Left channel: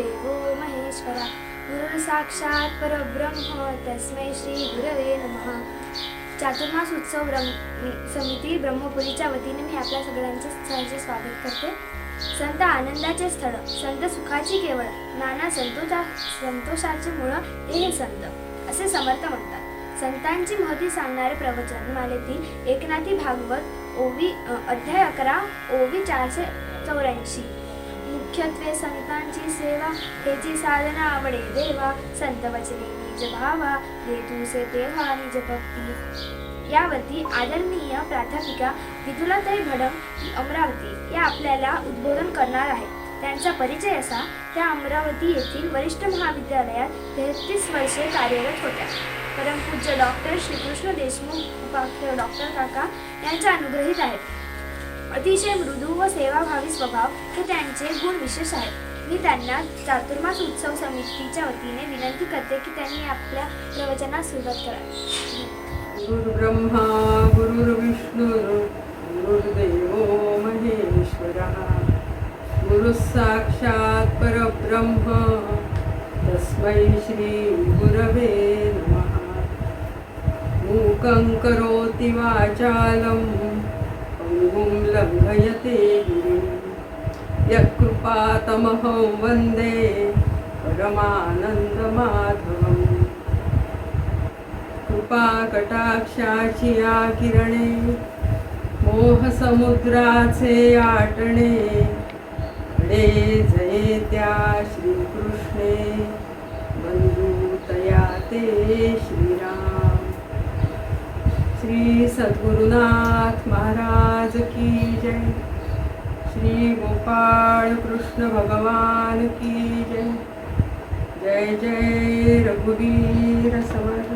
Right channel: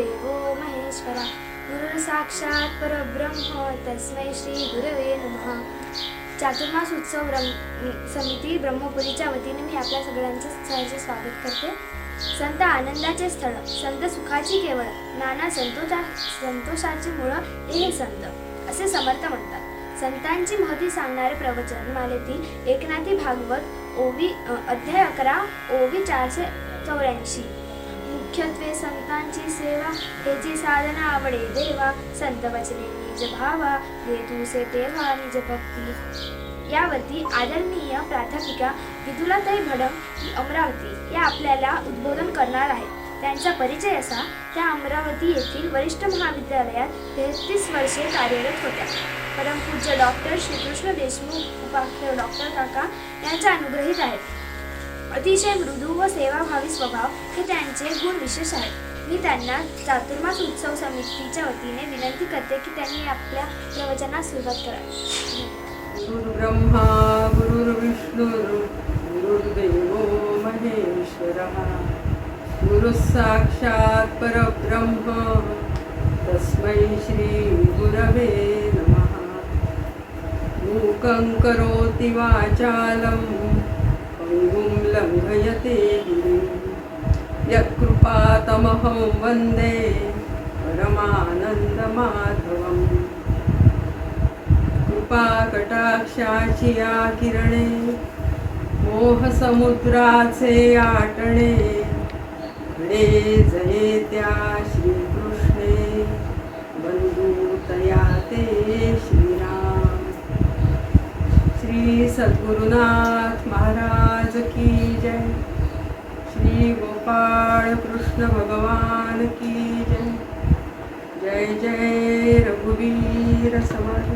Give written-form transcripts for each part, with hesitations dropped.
गुरुर्देवो महेश्वरा गुरुः साक्षात् परब्रह्म तस्मै श्री गुरवे नमः. चातुर्मास उत्सव समिती ब्रह्मपुरीच्या वतीने मी आपल्या सगळ्यांचे सहर्ष स्वागत करते. संत आनंदाचे स्थळ, संत सुखाची केवळ, नाना संतोषाची मुळं हे संत असे समर्थ म्हणतात. संतांची महती सांगणारे प्रवचन मालेतील एकनाथी भागवत ओवी अध्याय 11 ओवी 484. मुख्यत्वे संतांची सेवा हेची साधना आवडे देवा. संत वचने निज भावा हेतूसे तेव्हा निज भक्ती. यावरती आदरणीय प्राध्यापिका विदुलाताई भडंग अमरावती या आपल्याला उद्बोधन करणार आहेत. त्यांचा परिचय असा: त्या अमरावती येथील वरिष्ठ महाविद्यालयात 33 वर्षे कार्यरत होत्या. परमपूज्य डॉक्टर श्रीकृष्ण देशमुख उपाख्य डॉक्टर काका यांच्या अनुग्रहित आहेत. अतिशय मृदू व सेवाभावी स्वभाव हे त्यांचे गुण विशेष आहेत. मी त्यांना चातुर्मास उत्सव समितीच्या वतीने विनंती करते की त्यांनी आपल्या प्रवचनास सुरुवात करावी. गुरुर्ब्रह्मा गुरुर्विष्णुः गुरुर्देवो महेश्वरः गुरुः साक्षात् परब्रह्म तस्मै श्री गुरवे नमः. मूकं करोति वाचालं पंगुं लंघयते गिरिं यत्कृपातमहं वन्दे परमानन्दमाधवम्. कृपाकटाक्षाची या किरणे मोहसमुद्राचे आटणे कडे जये त्या श्रीकृष्णे बंधुतया ते श्रीराम. श्री सद्गुरुनाथ महाराज की जय. श्री गोपाळ कृष्ण भगवान की जय. जय जय रघुवीर समर्थ.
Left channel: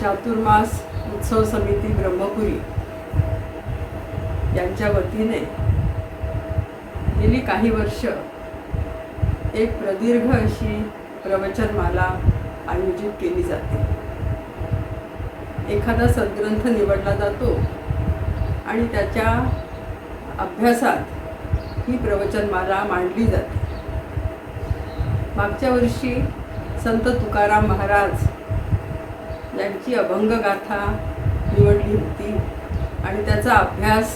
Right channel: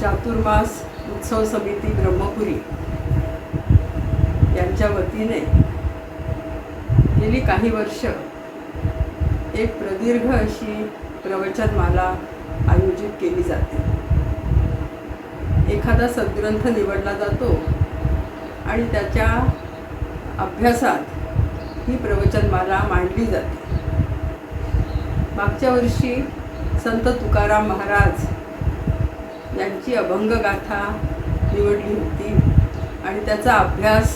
चातुर्मास उत्सव समिती ब्रह्मपुरी यांच्या वतीने गेली काही वर्ष एक प्रदीर्घ अशी प्रवचनमाला आयोजित केली जाते. एखादा सद्ग्रंथ निवडला जातो आणि त्याच्या अभ्यासात ही प्रवचनमाला मांडली जाते. मागच्या वर्षी संत तुकाराम महाराज यांची अभंगगाथा निवडली होती आणि त्याचा अभ्यास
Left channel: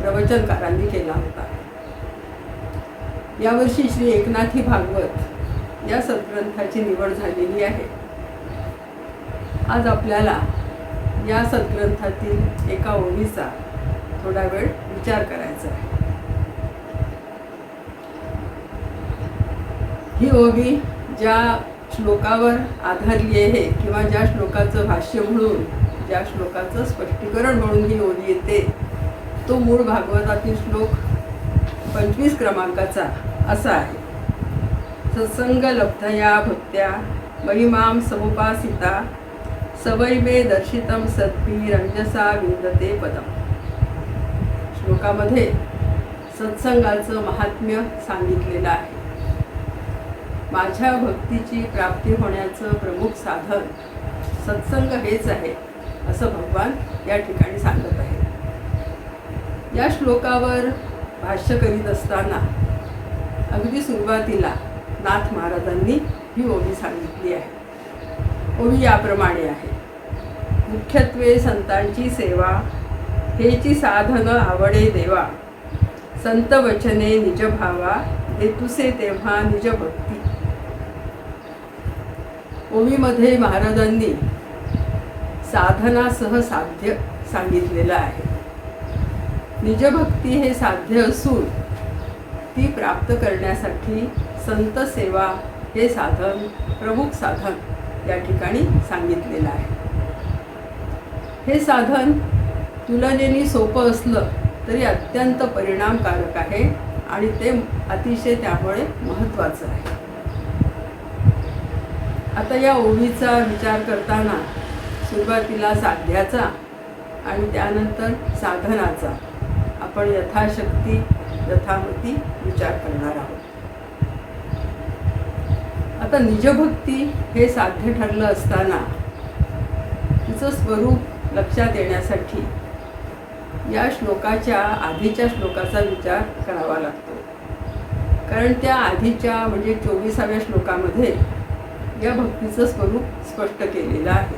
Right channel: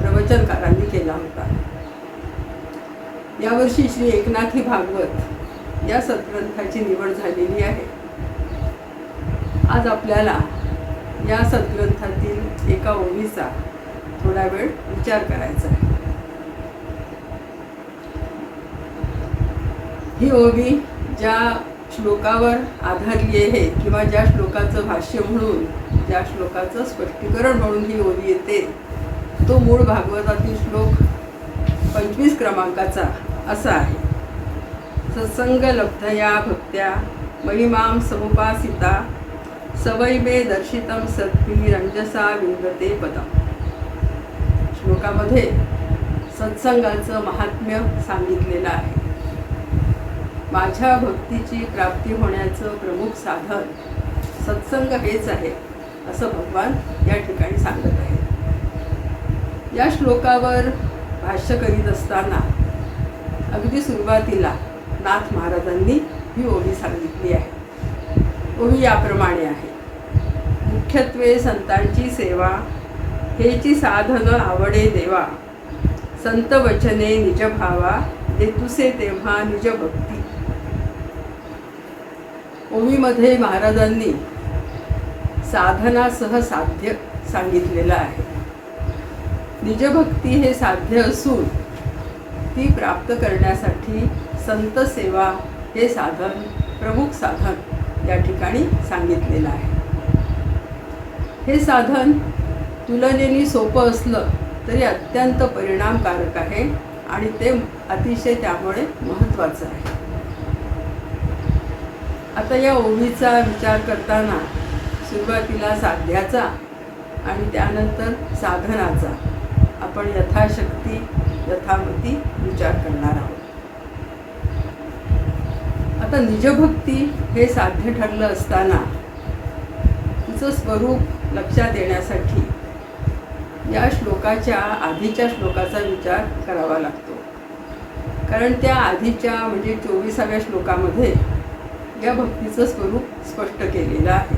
प्रवचनकारांनी केला होता. यावर्षी श्री एकनाथी भागवत या सद्ग्रंथाची निवड झालेली आहे. आज आपल्याला या सद्ग्रंथातील एका ओवीचा थोडा वेळ विचार करायचा आहे. ही ओवी ज्या श्लोकावर आधारली आहे किंवा ज्या श्लोकाचं भाष्य म्हणून, ज्या श्लोकाचं स्पष्टीकरण म्हणून ही ओवी येते, तो मूळ भागवतातील श्लोक 25 क्रमांकाचा असा आहे: सत्संग लब्धया भक्त्या महिमां समुपासिता सवै मे दर्शितं सद्भिः रंजसा विंदते पदम. श्लोकामध्ये सत्संगाचं महात्म्य सांगितलेलं आहे. माझ्या भक्तीची प्राप्ती होण्याचं प्रमुख साधन सत्संग हेच आहे असं भगवान या ठिकाणी सांगत आहे. या श्लोकावर भाष्य करीत असताना अगदी सुरुवातीला नाथ महाराजांनी ही ओवी सांगितली आहे. ओवी याप्रमाणे आहे: मुख्यत्वे संतांची सेवा हेची साधन आवडे देवा. संत वचने निज भावा हेतुसे तेव्हा निज भक्ती. ओवीमध्ये महाराजांनी साधनासह साध्य सांगितलेलं आहे. निजभक्ती हे साध्य असून ती प्राप्त करण्यासाठी संत सेवा हे साधन, प्रमुख साधन या ठिकाणी सांगितलेलं आहे. हे साधन तुलनेने सोपं असलं तरी अत्यंत परिणामकारक आहे आणि ते अतिशय त्यामुळे महत्त्वाचं आहे. आता या ओवीचा विचार करताना सुरुवातीला साध्याचा आणि त्यानंतर साधनाचा आपण यथाशक्ती यथामती विचार करणार आहोत. आता निजभक्ती हे साध्य ठरलं असताना तिचं स्वरूप लक्षात येण्यासाठी या श्लोकाच्या आधीच्या श्लोकाचा विचार करावा लागतो. कारण त्या आधीच्या म्हणजे 24व्या श्लोकामध्ये या भक्तीचं स्वरूप स्पष्ट केलेलं आहे.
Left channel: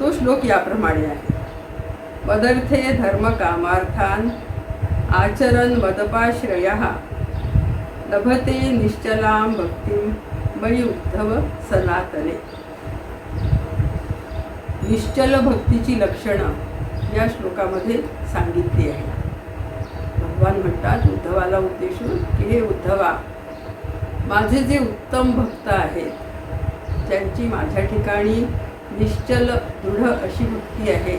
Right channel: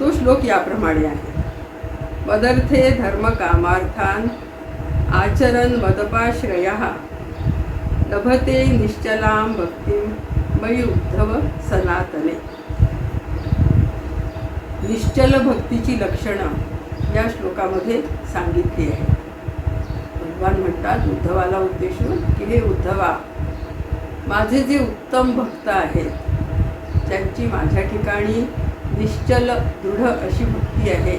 तो श्लोक याप्रमाणे आहे. मदर्थे धर्मकामार्थान आचरन् मदपाश्रयः लभते निश्चलां भक्तिं मयि उद्धव सनातने. निश्चल भक्तीची लक्षणं या श्लोकामध्ये सांगितली आहे. भगवान म्हणतात उद्धवाला उद्देशून की हे उद्धवा, माझे जे उत्तम भक्त आहेत, ज्यांची माझ्या ठिकाणी निश्चल दृढ अशी भक्ती आहे,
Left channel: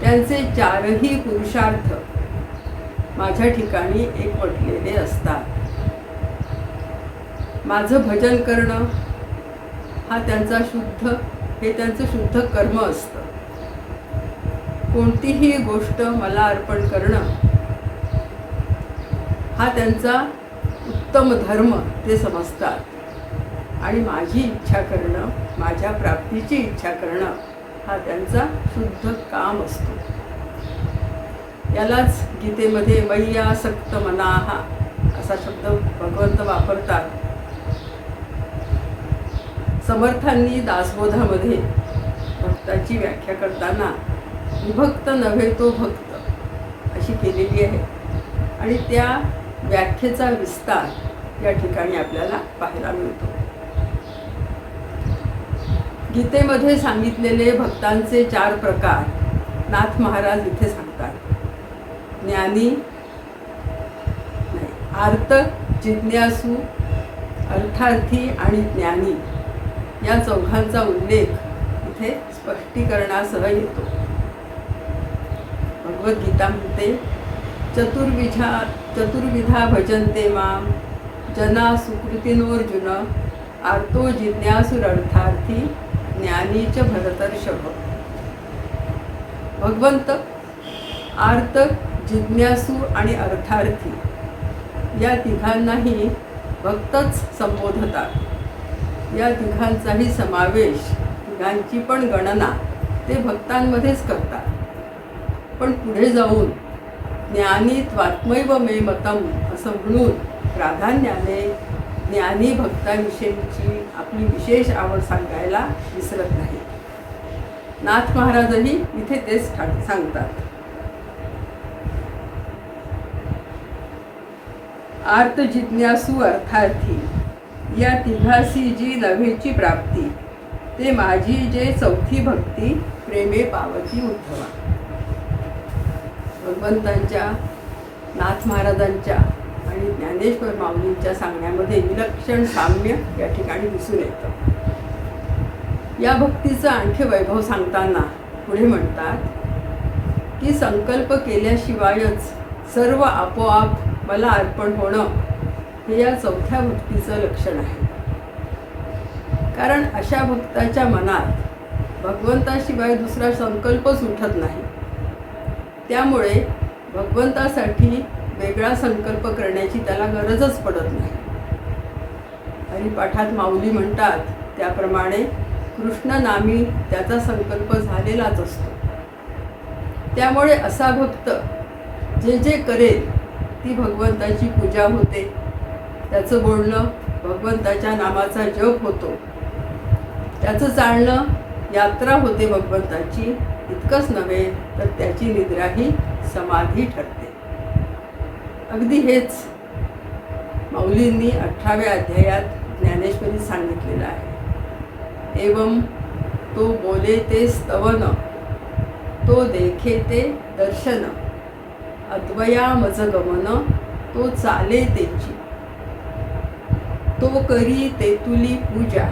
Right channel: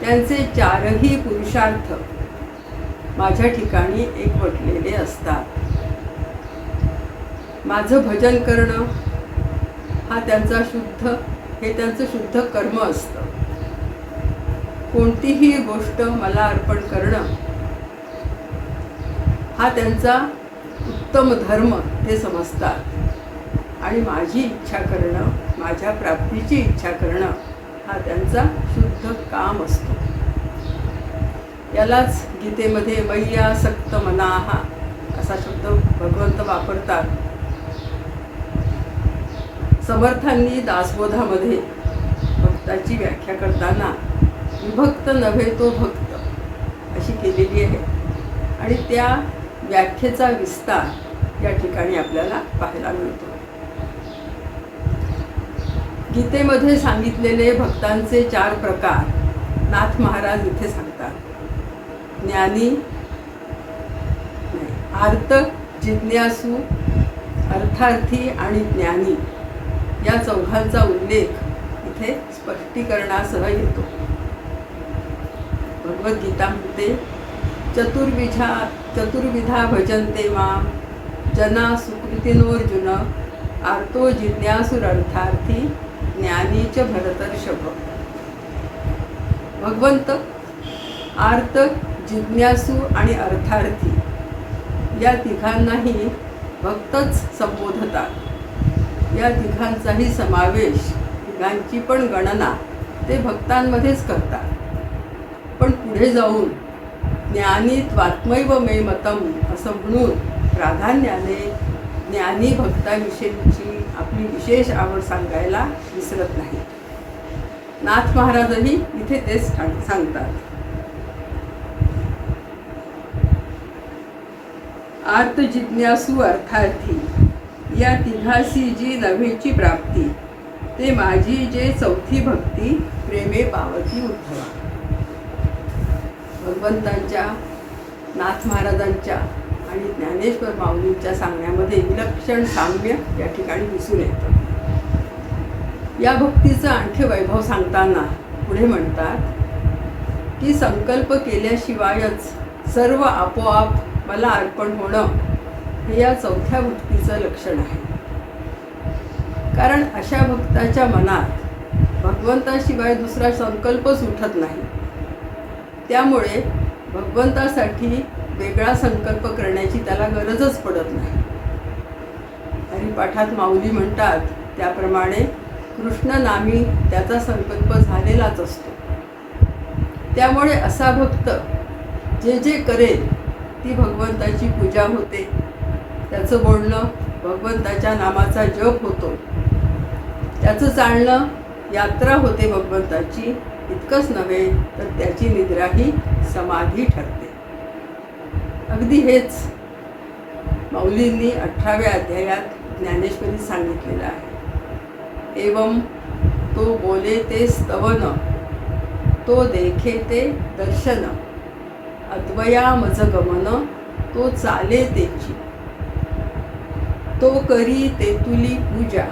त्यांचे चारही पुरुषार्थ माझ्या ठिकाणी एकवटलेले असतात. माझं भजन करणं हा त्यांचा हे त्यांचं शुद्ध कर्म असतं. कोणतीही गोष्ट मला अर्पण करणं हा त्यांचा उत्तम धर्म ते समजतात. आणि माझी इच्छा करणं, माझ्या प्राप्तीची इच्छा करणं हा त्यांचा शुद्ध काम असतो. यालाच गीतेमध्ये मय्यासक्त मनाः असा शब्द भगवंत वापरतात. समर्थांनी दासबोधामध्ये भक्ताची व्याख्या करताना विभक्त नव्हे तो भक्त अशी केलेली आहे. आणि त्या व्याख्येचा विस्तार या ठिकाणी आपल्याला पाहायला मिळतो. गीतेमध्ये सांगितलेले भक्तांचे 4 प्रकार नाथ महाराज इथे सांगतात. ज्ञानी, आर्त, जिज्ञासू, अर्थार्थी आणि ज्ञानी या चौघांचा उल्लेख इथे स्पष्टीकरणासह येतो. भगवद्गीता म्हणते चतुर्विधा भजन्ते मां जना सुकृतिनोर्जुन आर्तो जिज्ञासुरर्थार्थी ज्ञानी च भरतर्षभ. भगवंत आर्त, जिज्ञासू आणि अर्थार्थी या तिघांनाही भक्तच संबोधतात. या तिघांचाही समावेश, तिघांची पण गणना ते भक्तांमध्येच करतात. पण पुढे जाऊन ज्ञानी त्वात्मैव मे मतम असं म्हणून प्राधान्याने ज्ञानी भक्ताविषयीची आपली विशेष आवड सांगायला विसरत नाही. नाथ महाराजही इथे तेच सांगतात. आर्त, जिज्ञासू, अर्थार्थी या तिघासी जी नव्हेची प्राप्ती, ते माझी जे चौथी भक्ती प्रेमे पावती उद्धवा. भगवंतांच्या, नाथ महाराजांच्या आणि ज्ञानेश्वर माऊलींच्या सांगण्यामध्ये विलक्षण साम्य या ठिकाणी दिसून येतं. या भक्तीचं आणखी वैभव सांगताना पुढे म्हणतात की संकल्प केल्याशिवायच सर्व आपोआप मला अर्पण होणं हे या चौथ्या भक्तीचं लक्षण आहे. कारण अशा भक्ताच्या मनात भगवंताशिवाय दुसरा संकल्पच उठत नाही. त्यामुळे भगवंतासाठी वेगळा संकल्प करण्याची त्याला गरजच पडत नाही. हरिपाठात माऊली म्हणतात त्याप्रमाणे कृष्णनामी त्याचा संकल्प झालेलाच असतो. त्यामुळे असा भक्त जे जे करेल ती भगवंताची पूजा होते, त्याचं बोलणं भगवंताच्या नामाचा जप होतो, त्याचं चालणं यात्रा होते भगवंताची. इतकंच नव्हे तर त्याची निद्राही समाधी ठरते. अगदी हेच माऊलींनी 18व्या अध्यायात ज्ञानेश्वरीत सांगितलेलं आहे. एवं तो बोले ते स्तवन, तो देखे ते दर्शन, अद्वया मज गमन, तो चाले तेची, तो करी तेतुली पूजा,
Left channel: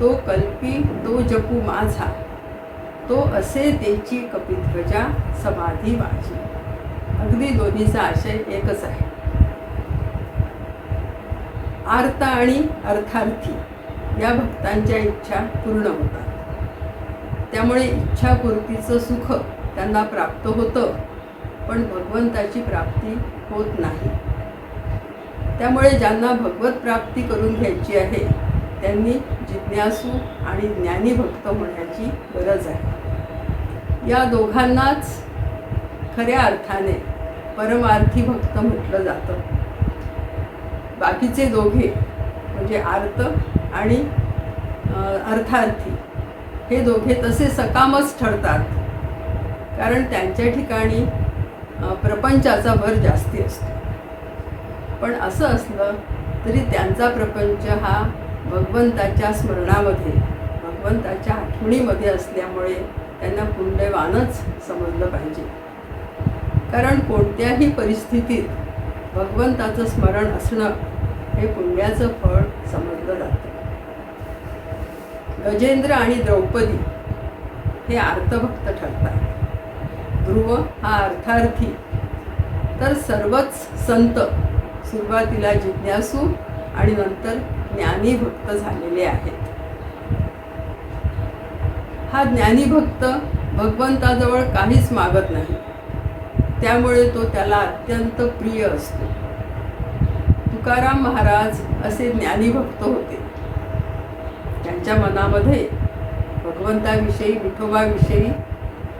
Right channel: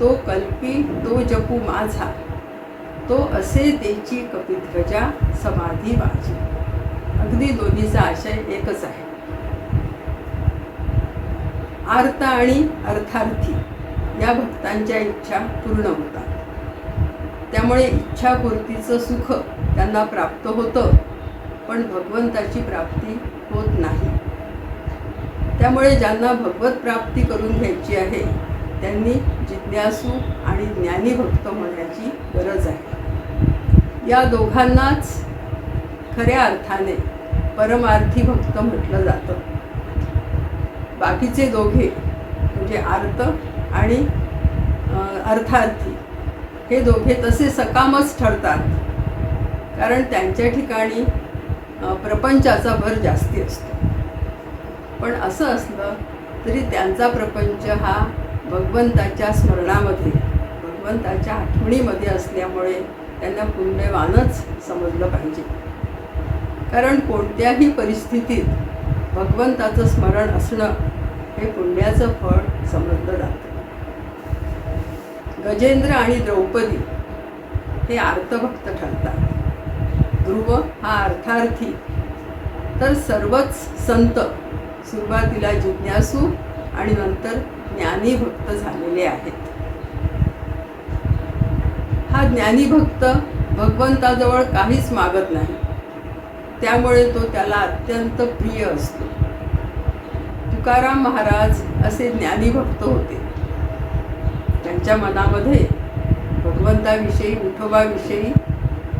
तो कल्पी तो जपू माझा, तो असे तेची कपिध्वजा समाधी माझी. अगदी दोन्हीचा आशय एकच आहे. आर्त आणि अर्थार्थी या भक्तांच्या इच्छा पूर्ण होतात. त्यामुळे इच्छापूर्तीचं सुख त्यांना प्राप्त होतं, पण भगवंताची प्राप्ती होत नाही. त्यामुळे ज्यांना भगवत प्राप्ती करून घ्यायची आहे त्यांनी जिज्ञासू आणि ज्ञानी भक्त होण्याची गरज आहे. या दोघांनाच खऱ्या अर्थाने परमार्थी भक्त म्हटलं जातं. बाकीचे दोघे म्हणजे आर्त आणि अर्थार्थी हे दोघे तसे सकामच ठरतात, कारण त्यांच्या ठिकाणी प्रपंचाचा भर जास्ती असतो. पण असं असलं तरी त्यांचा प्रपंच हा भगवंताच्या स्मरणामध्ये, भगवंताच्या आठवणीमध्ये असल्यामुळे त्यांना पुण्यवानच समजलं पाहिजे. कारण कोणत्याही परिस्थितीत भगवंताचं स्मरण असणं हे पुण्याचं फळ समजलं जातं. गजेंद्र आणि द्रौपदी हे आर्तभक्त ठरतात. ध्रुव हा अर्थार्थी, तर सर्वच संत सुरुवातीला जिज्ञासू आणि नंतर ज्ञानी भक्त झालेले आहेत. हा ज्ञानी भक्त भगवंताजवळ काहीच मागत नाही, त्यामुळे तो त्याला अत्यंत प्रिय असतो. तुकाराम महाराज असे ज्ञानी भक्त होते. त्यांच्या मनामध्ये भगवंताविषयी, विठोबाविषयी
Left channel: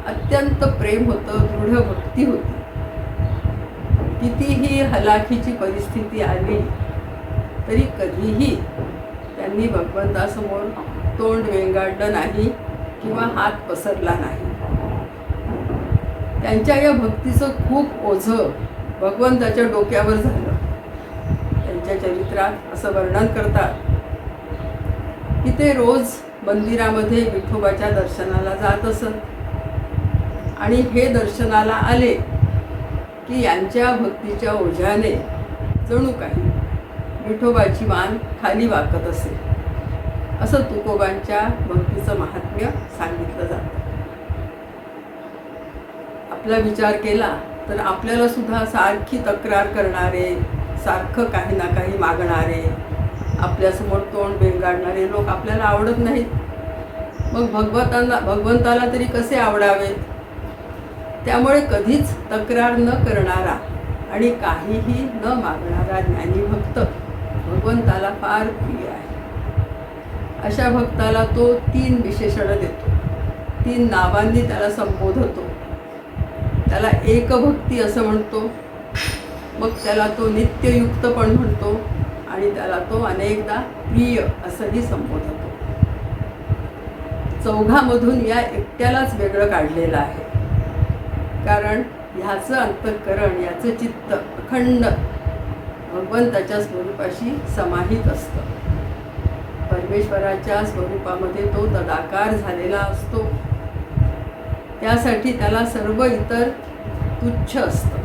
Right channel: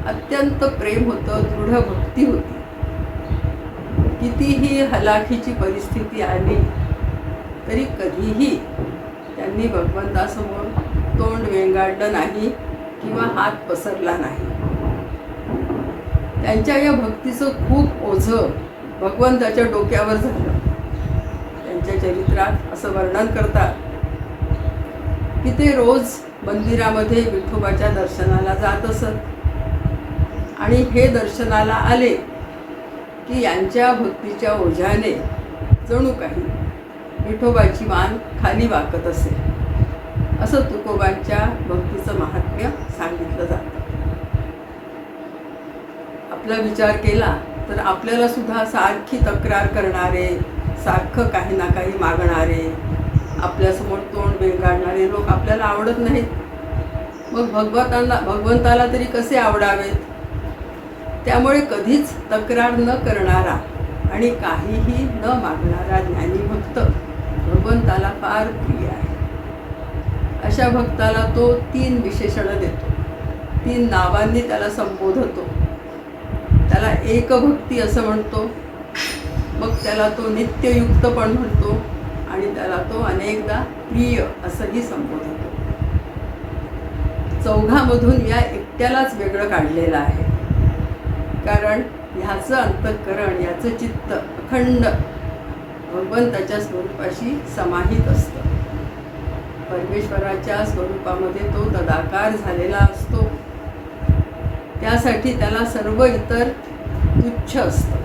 अत्यंत प्रेम होतं, दृढ भक्ती होती. कितीही हलाखीची परिस्थिती आली तरी कधीही त्यांनी भगवंतासमोर तोंड वेंगाडलं नाही किंवा हात पसरला नाही. त्यांच्या या भक्तीचं खूप ओझं भगवंताच्या डोक्यावर झालं. त्यांच्या चरित्रात असं वर्णन करतात की ते रोज मंदिरामध्ये विठोबाच्या दर्शनाला जात असत आणि हे दर्शनाला आले की यांच्या भक्तीच्या ओझ्याने जणू काही विठोबाची मान खाली वाकत असे, असं तुकोबांच्या भक्तीचं महात्म्य सांगितलं जातं. आपला विचार केला तर आपल्याला सुद्धा सारखी तक्रार करणारे, सारखं काही ना काही मागणारे, आपल्यासमोर तोंड बेंगाडणारे लोक आपल्याला आवडत नाहीत. मग भगवंताला तरी कसे आवडावेत? त्यामुळे कधीच तक्रार न करणारा आणि काहीही न मागणारा ज्ञानी भक्त भगवंताला फार प्रिय आहे. अशा भक्ताला तो 3 विशेषणं देतो, 3 नावांनी त्याला संबोधतो. त्याला एकभक्ती असं म्हणतो, मग त्याला तो नित्ययुक्त पण म्हणतो आणि त्याला तो अनेकदा प्रिय असंही संबोधतो. चौघामधून या एकट्यालाच वेगळं काढलेलं आहे, कारण ह्याचं अंतःकरण, याचं चित्त अखंड भगवंताच्या स्वरूपाशी समाहित असतं. परमेश्वराच्या स्वरूपामध्ये तो तदाकार झालेला असतो. त्यासाठी त्याला सर्व इतर तुच्छ असतं.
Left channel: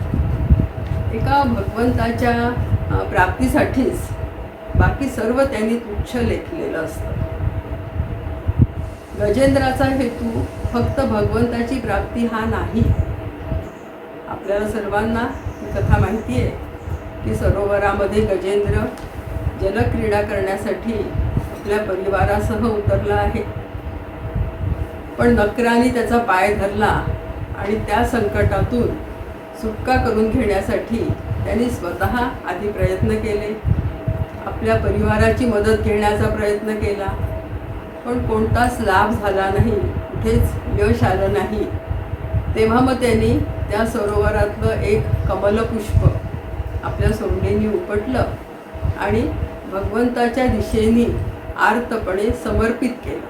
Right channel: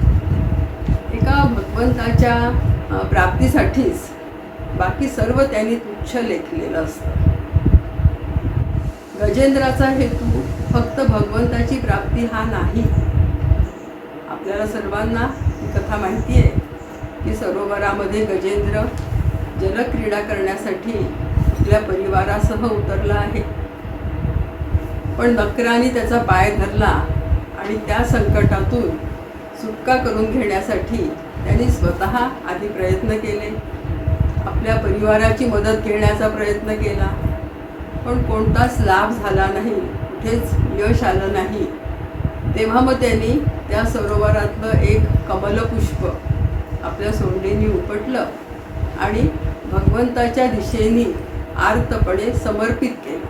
एका भगवंताच्या प्राप्तीसाठीच बाकी सर्व त्यांनी तुच्छ लेखलेलं असतं. गजेंद्राचा हेतू फक्त भगवंताची प्राप्ती हा नाही. आपल्याला सर्वांना ही कथा माहिती आहे की सरोवरामध्ये गजेंद्र जलक्रीडा करण्यासाठी आपल्या परिवारासह उतरला आहे. पण नकराने त्याचा पाय धरला आणि त्या संकटातून सुटका करून घेण्यासाठी त्यांनी स्वतः आधी प्रयत्न केले. आपल्या परिवाराची मदत घेण्याचा प्रयत्न केला, पण कोणताच लाभ झाला नाही, कुठेच यश आलं नाही. तेव्हा मग त्यांनी त्या सरोवरातलं एक कमलपुष्प आपल्या सोंडेनी उपटलं आणि भगवंताच्या दिशेने आर्तपणे समर्पित केलं.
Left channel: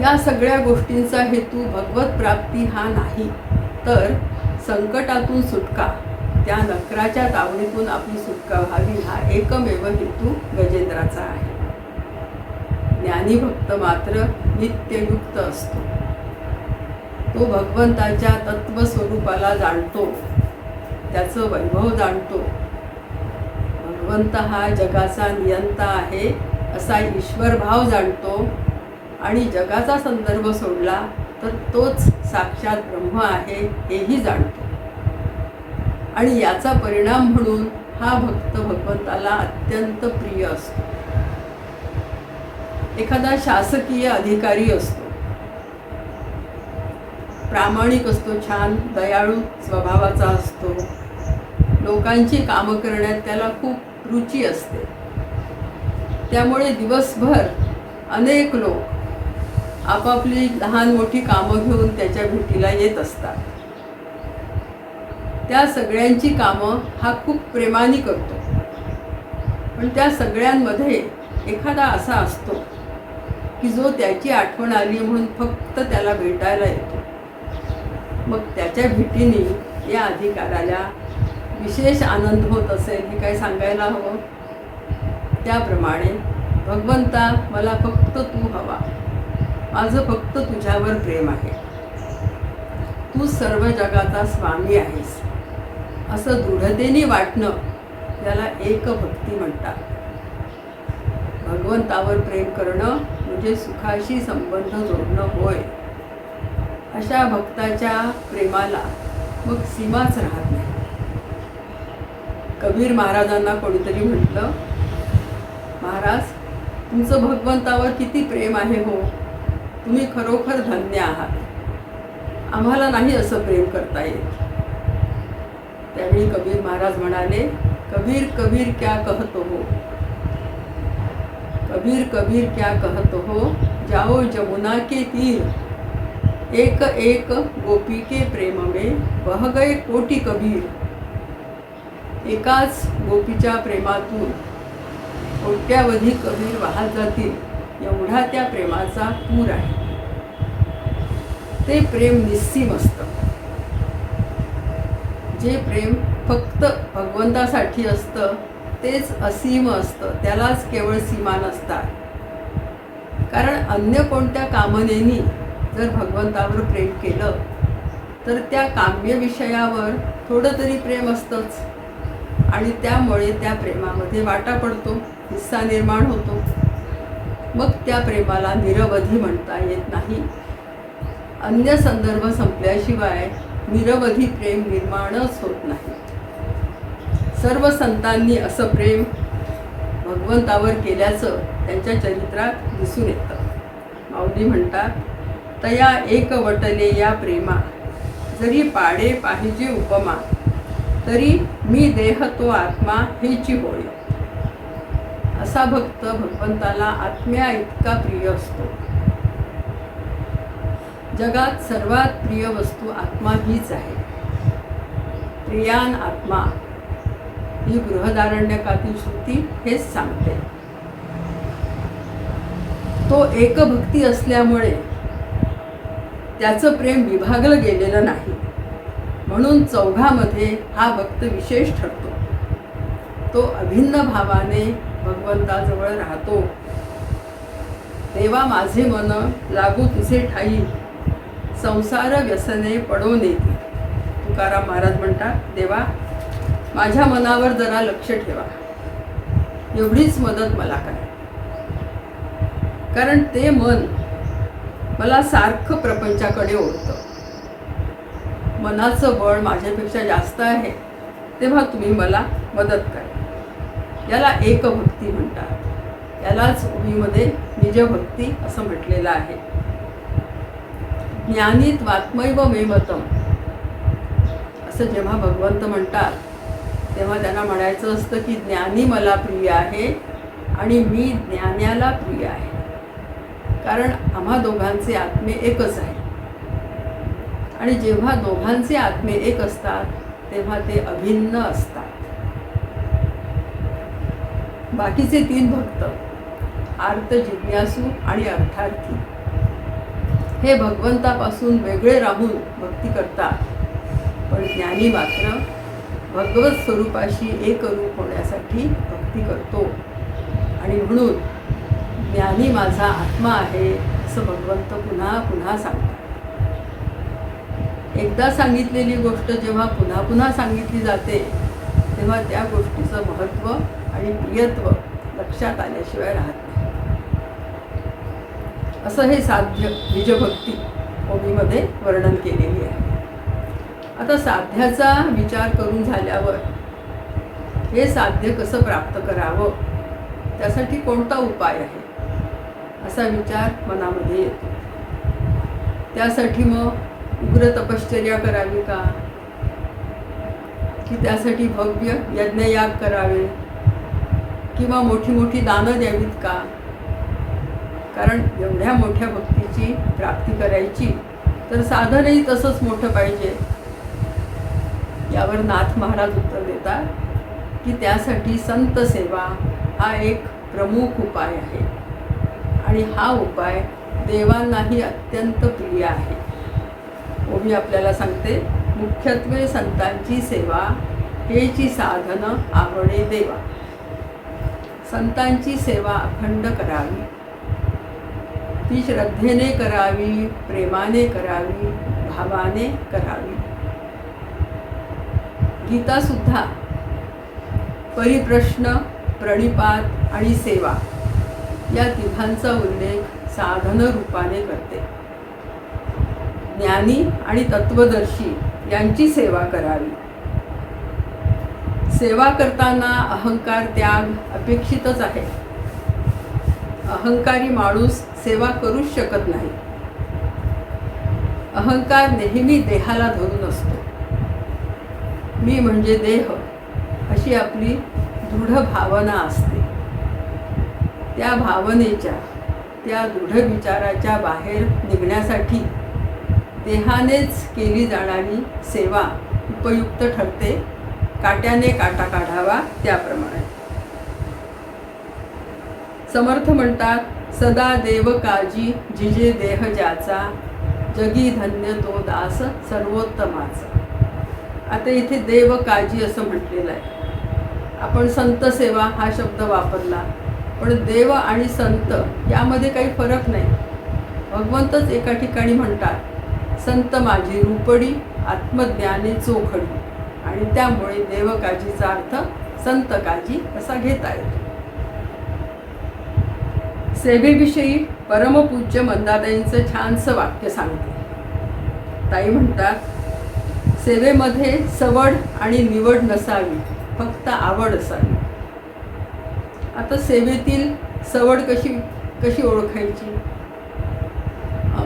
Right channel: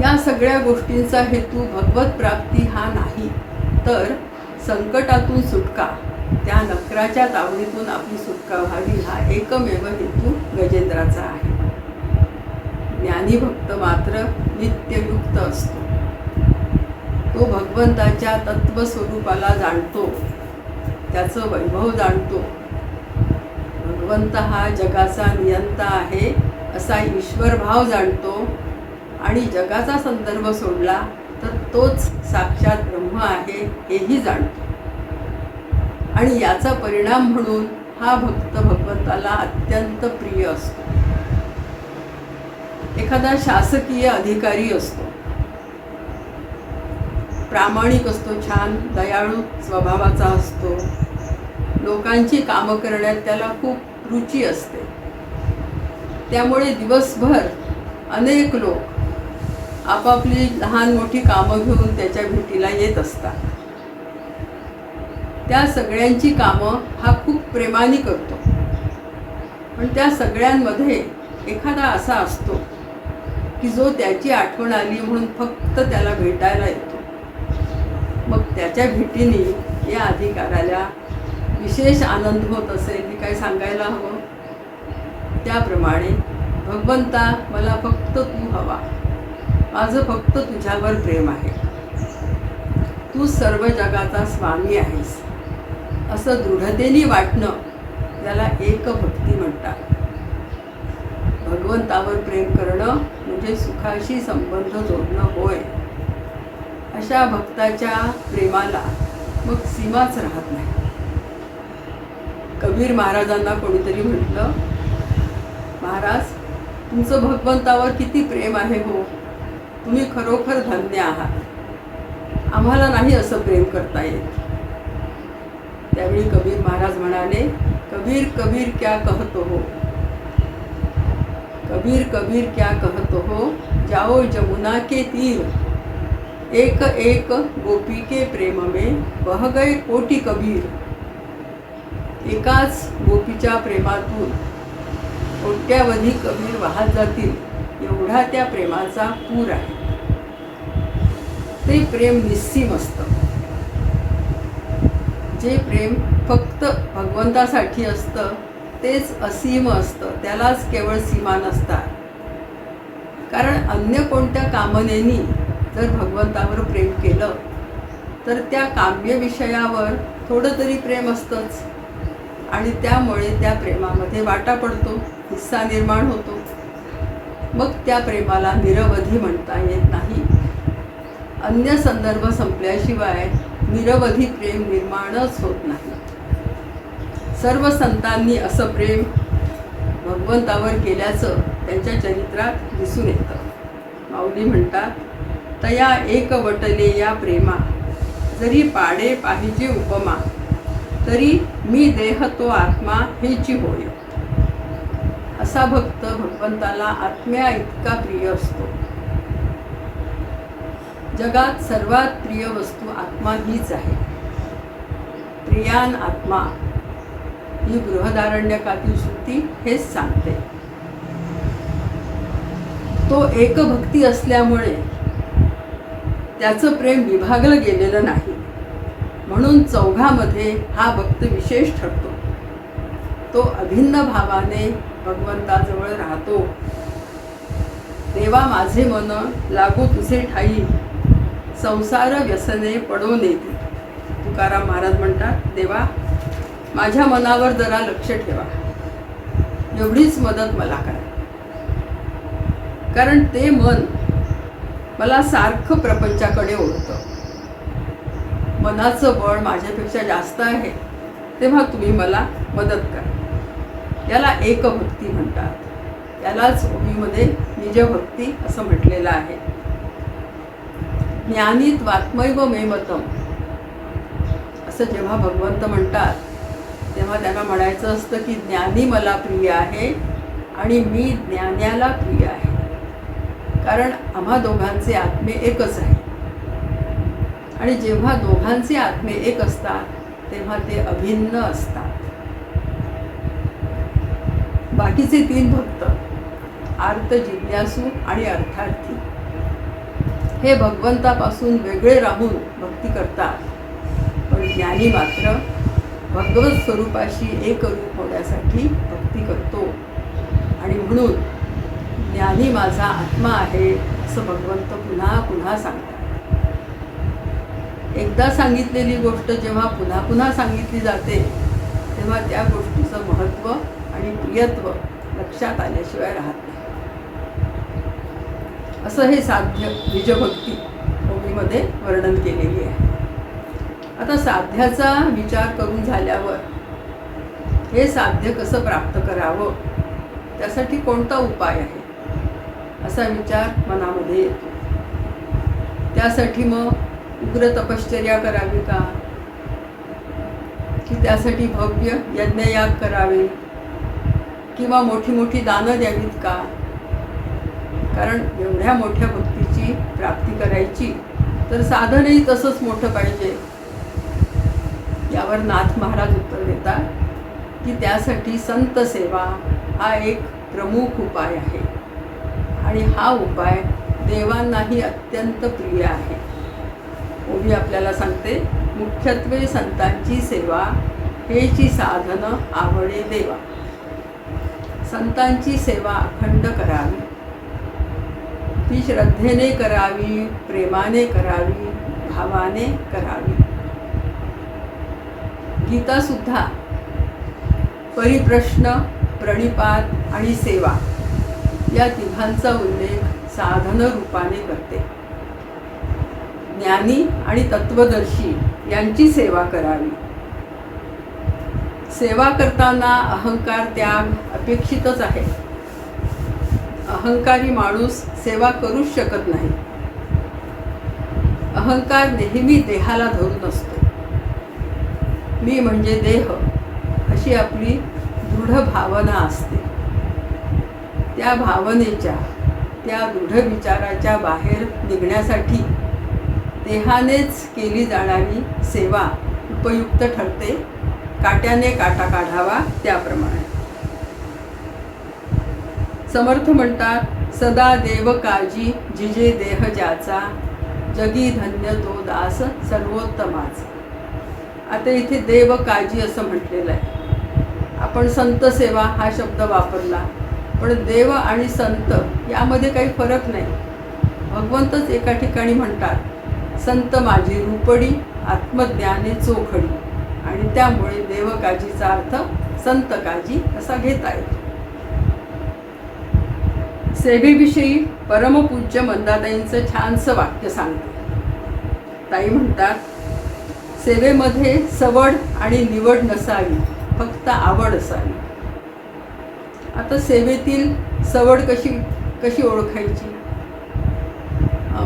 या सगळ्या गोष्टींचा हेतू भगवत प्राप्ती हा नाही, तर संकटातून सुटका, त्या नकराच्या तावडीतून आपली सुटका व्हावी हा एकमेव हेतू गजेंद्राचा आहे. ज्ञानी भक्त मात्र नित्ययुक्त असतो. तो भगवंताच्या तत्वस्वरूपाला जाणतो, त्याचं वैभव जाणतो. भगवंत हा जगाचा नियंता आहे असा ईश्वरभाव जाणतो आणि जगाचा संदर्भ सोडला तर तोच साक्षात ब्रह्म आहे हेही जाणतो. आणि याचा परिणाम म्हणून हा भक्त भगवंताला अत्यंत प्रिय असतो. एखादा शासकीय अधिकारी असतो, प्रामाणिक असतो, छान दयाळू स्वभावाचा असतो, लोकांची कामं करण्यात त्याला खूप रुची असते. त्यामुळे दिवसभर अनेक लोक आपापली लहान मोठी कामं घेऊन त्याच्या भेटीला येत असतात. त्या सगळ्यांची कामं हा खूप प्रेमाने करतो. पण त्या सगळ्यांमध्ये एखादा असा असतो की जो त्याची आठवण आली म्हणून फक्त त्याला भेटायला येतो. मग त्याच्या भेटीने या अधिकाऱ्याला विशेष आनंद होत असेल हे काय सांगायला हवं. त्याप्रमाणे भगवंता, मला फक्त तू हवा, माझं फक्त तुझ्यावर प्रेम आहे, तू सर्व जगाचा स्वामी आहेस, असं दृढतेने वाटणं त्याला एक भक्ती म्हणतात. भगवंतावर प्रेम करणं म्हणजे सुखाशी संबंध जोडणं होय. अशा भक्ताच्या प्रेमाला मग सीमाच राहत नाही. कबीर महाराजांना कोणीतरी म्हटलं, महाराज, तुमचं भगवंतावर किती प्रेम आहे हो, तुम्ही खरोखर धन्य आहात, आम्हाला नाही असं प्रेम करता येत. त्यावेळी कबीर महाराज म्हणाले, कबीर कबीर क्या कहतो हो, कबीर कबीर क्या कहतो हो, जाओ जमुना के तीर, एक एक गोपी के प्रेम में बह गए कोटी कबीर. एकाच गोपीच्या प्रेमातून कोट्यावधी कबीर वाहत जातील, एवढा त्या प्रेमाचा पूर आहे. ते प्रेम निस्सीम असतं. जे प्रेम फक्त भगवंतासाठी असतं तेच असीम असतं, त्यालाच केवळ सीमा नसतात. कारण अन्य कोणत्या कामनेनी जर भगवंतावर प्रेम केलं तर त्या काम्य विषयावर थोडं तरी प्रेम असतंच, आणि त्यामुळे त्या प्रेमामध्ये वाटा पडतो, हिस्सा निर्माण होतो. मग त्या प्रेमाला निरवधी म्हणता येत नाही. अन्य संदर्भ संपल्याशिवाय निरवधी प्रेम निर्माणच होत नाही. सर्व संतांनी असं प्रेम भगवंतावर केल्याचं त्यांच्या चरित्रात दिसून येतं. माऊली म्हणतात, तया एक वटले या प्रेमा, जरी पाडे पाहिजे उपमा, तरी मी देह तो आत्मा हेची होय. असा भक्त भगवंताला आत्म्या इतका प्रिय असतो. जगात सर्वात प्रिय वस्तू आत्मा हीच आहे. प्रियान आत्मा ही बृहदारण्यकातील श्रुती हेच सांगते. तो एकभक्ती असल्यामुळे त्याचं प्रेम विभागलं गेलेलं नाही, म्हणून चौघामध्ये हा भक्त विशेष ठरतो. तो अभिन्न भावाने भगवंताजवळ राहतो. देवा माझे मन लागू तुझे ठाई, संसार व्यसने पडो नेती. तुकाराम महाराज म्हणतात, देवा माझ्या मनावर जरा लक्ष ठेवा, एवढीच मदत मला करा. कारण ते मन मला सारखं प्रपंचाकडे ओढतं. मनाचं बळ माझ्यापेक्षा जास्त आहे, तेव्हा तुम्ही मला मदत करा. याला एकभक्ती म्हणतात. यालाच ओवीमध्ये निजभक्ती असं म्हटलेलं आहे. ज्ञानीत्वात्मैव मे मतम असं जेव्हा भगवंत म्हणतात तेव्हा त्यांना म्हणायचं असतं की ज्ञानी मला प्रिय आहे आणि मी ज्ञान्याला प्रिय आहे. कारण आम्हा दोघांचे आत्मे एकच आहे, आणि जेव्हा दोघांचे आत्मे एक असतात तेव्हा ते अभिन्न असतात. बाकीचे तीन भक्त आर्त, जिज्ञासू आणि अर्थार्थी हे भगवंतापासून वेगळे राहून भक्ती करतात, पण ज्ञानी मात्र भगवत स्वरूपाशी एकरूप होण्यासाठी भक्ती करतो. आणि म्हणून ज्ञानी माझा आत्मा आहे असं भगवंत पुन्हा पुन्हा सांगतात. एकदा सांगितलेली गोष्ट जेव्हा पुन्हा पुन्हा सांगितली जाते तेव्हा त्या गोष्टीचं महत्त्व आणि प्रियत्व लक्षात आल्याशिवाय राहत नाही. असं हे साध्य निजभक्ती ओवीमध्ये वर्णन केलेली आहे. आता साध्याचा विचार करून झाल्यावर हे साध्य कसं प्राप्त करावं, त्यासाठी कोणता उपाय आहे असा विचार मनामध्ये येतो. त्यासाठी मग उग्र तपश्चर्या करावी का, की त्यासाठी भव्य यज्ञयाग करावे, किंवा मोठी मोठी दानं द्यावीत का. कारण एवढ्या मोठ्या भक्तीची प्राप्ती करायची तर साधनही तसंच मोठं पाहिजे. यावर नाथ महाराज उत्तर देतात की त्यासाठी संत सेवा हा एक प्रमुख उपाय आहे आणि हा उपाय देवांनाही अत्यंत प्रिय आहे. ओवी आपल्याला सांगते, मुख्यत्वे संतांची सेवा हेची साधन आवडे देवा. संतांची सेवा अखंड करावी, ती श्रद्धेने करावी, प्रेमाने करावी, भावाने करावी. गीता सुद्धा परिप्रश्न, प्रणिपात आणि सेवा या तिघांचा उल्लेख साधन रूपाने करते. ज्ञानी आणि तत्वदर्शी यांची सेवा करावी. सेवा करताना अहंकार त्याग अपेक्षितच आहे. अहंकारी माणूस सेवा करूच शकत नाही. अहंकार नेहमी देहाला धरून असतो. मी म्हणजे देह अशी आपली दृढ भावना असते. त्या भावनेच्या, त्या दृढ विचाराच्या बाहेर निघण्यासाठी देहानेच केली जाणारी सेवा उपयुक्त ठरते. काट्याने काटा काढावा त्याप्रमाणे. समर्थ म्हणतात, सदा देव काजी जिजे देह ज्याचा, जगी धन्य तो दास सर्वोत्तमाचा. आता इथे देव काजी असं म्हटलेलं आहे. आपण संत सेवा हा शब्द वापरला, पण देव आणि संत यामध्ये काही फरक नाही. भगवंतच एका ठिकाणी म्हणतात, संत माझी रूपडी आत्मज्ञाने चोखडी, आणि त्यामुळे देवकाजीचा अर्थ संत काजी असा घेता येतो. सेवेविषयी परमपूज्य मंदाताईंचं छानसं वाक्य सांगते. ताई म्हणतात, सेवेमध्ये सवड आणि निवड नसावी, फक्त आवड असावी. आता सेवेतील सवड कशी ओळखायची?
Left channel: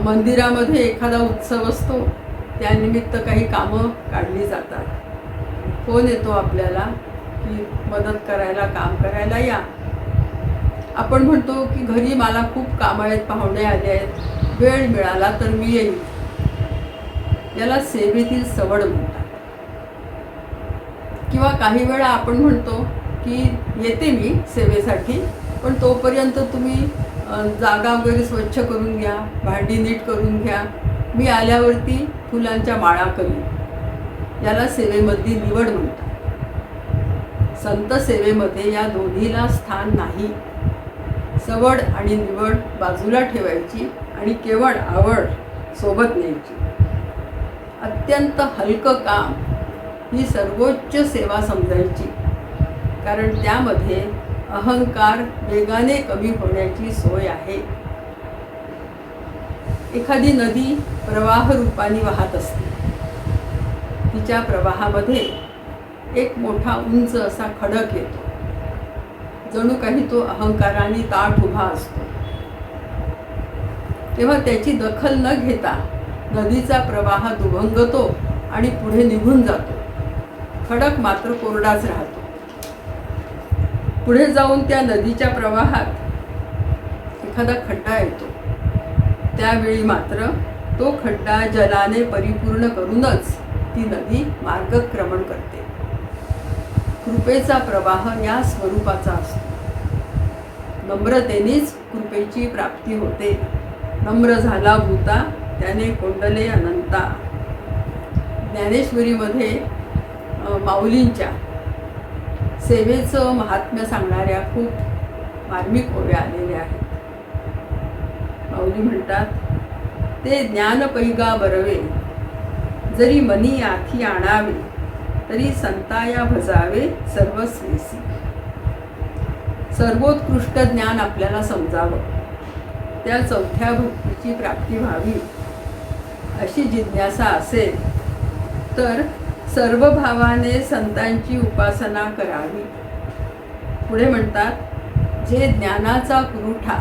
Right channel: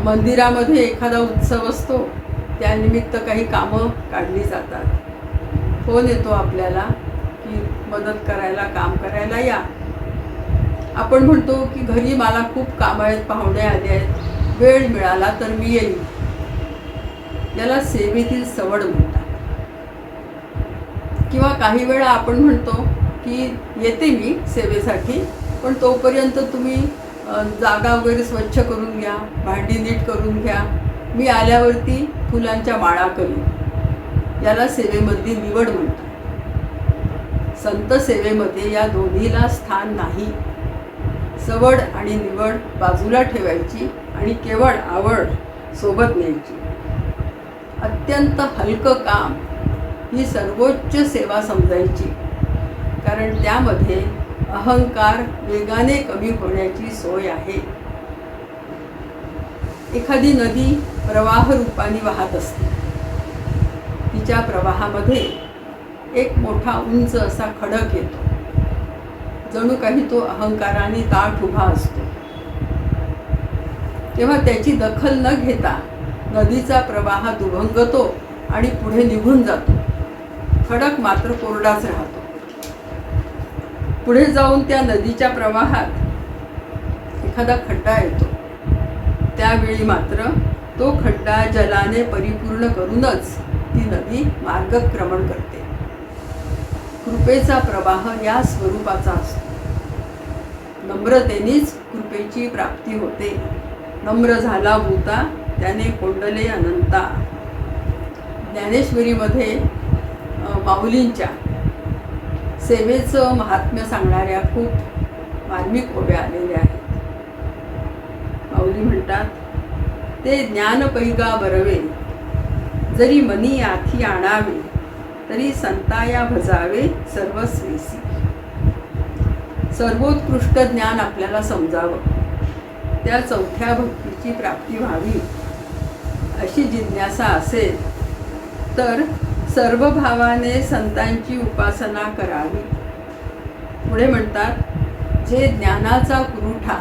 मंदिरामध्ये एखादा उत्सव असतो, त्यानिमित्त काही कामं काढली जातात. फोन येतो आपल्याला की मदत करायला, काम करायला या. आपण म्हणतो की घरी मला खूप कामं आहेत, पाहुणे आले आहेत, वेळ मिळाला तर मी येईन. याला सेवेतील सवड म्हणतात. किंवा काही वेळा आपण म्हणतो की येते मी सेवेसाठी, पण तोपर्यंत तुम्ही जागा वगैरे स्वच्छ करून घ्या, भांडी नीट करून घ्या, मी आल्यावरती फुलांच्या माळा करीन. याला सेवेमधली निवड म्हणतात. संत सेवेमध्ये या दोन्हीला स्थान नाही. सवड आणि निवड बाजूला ठेवायची आणि केवळ आवड सोबत न्यायची. अत्यंत हलकं काम ही सर्वोच्च सेवा समजायची, कारण त्यामध्ये अहंकार वेगाने कमी होण्याची सोय आहे. एखादी नदी प्रवाह रूपाने वाहत असते. तिच्या प्रवाहामध्ये एक मोठा उंच असा खडक येतो. जणू काही तो अहंकाराने ताठ उभा असतो. तेव्हा त्याची दखल न घेता नदीचा प्रवाह दुभंगतो आणि पुढे निघून जातो. खडक मात्र कोरडाच राहतो. पुढे जाऊन त्या नदीच्या प्रवाहात एखादा खड्डा येतो. त्यावेळी मात्र तो खड्डा जलाने परिपूर्ण करूनच ती नदी मार्गक्रमण करते. कृपेचा प्रवाह या स्वरूपाचा असतो. नम्रतेनेच कृपेची प्राप्ती होते. नम्र झाला भूता त्याने कोंडले अनंता. ज्ञानेश्वरीमध्ये माऊलींच्या सेवेचं महात्म्य सांगणाऱ्या खूप मार्मिक ओव्या आलेल्या आहेत. माऊली म्हणतात, ते ज्ञान पैगा बरवे, जरी मनी आथी आणावे, तरी संताया भजावे सर्वस्वेसी. सर्वोत्कृष्ट ज्ञान आपल्याला समजावं, त्या चौथ्या भक्तीची प्राप्ती व्हावी अशी जिज्ञासा असेल तर सर्व भावाने संतांची उपासना करावी. पुढे म्हणतात, जे ज्ञानाचा पुरवठा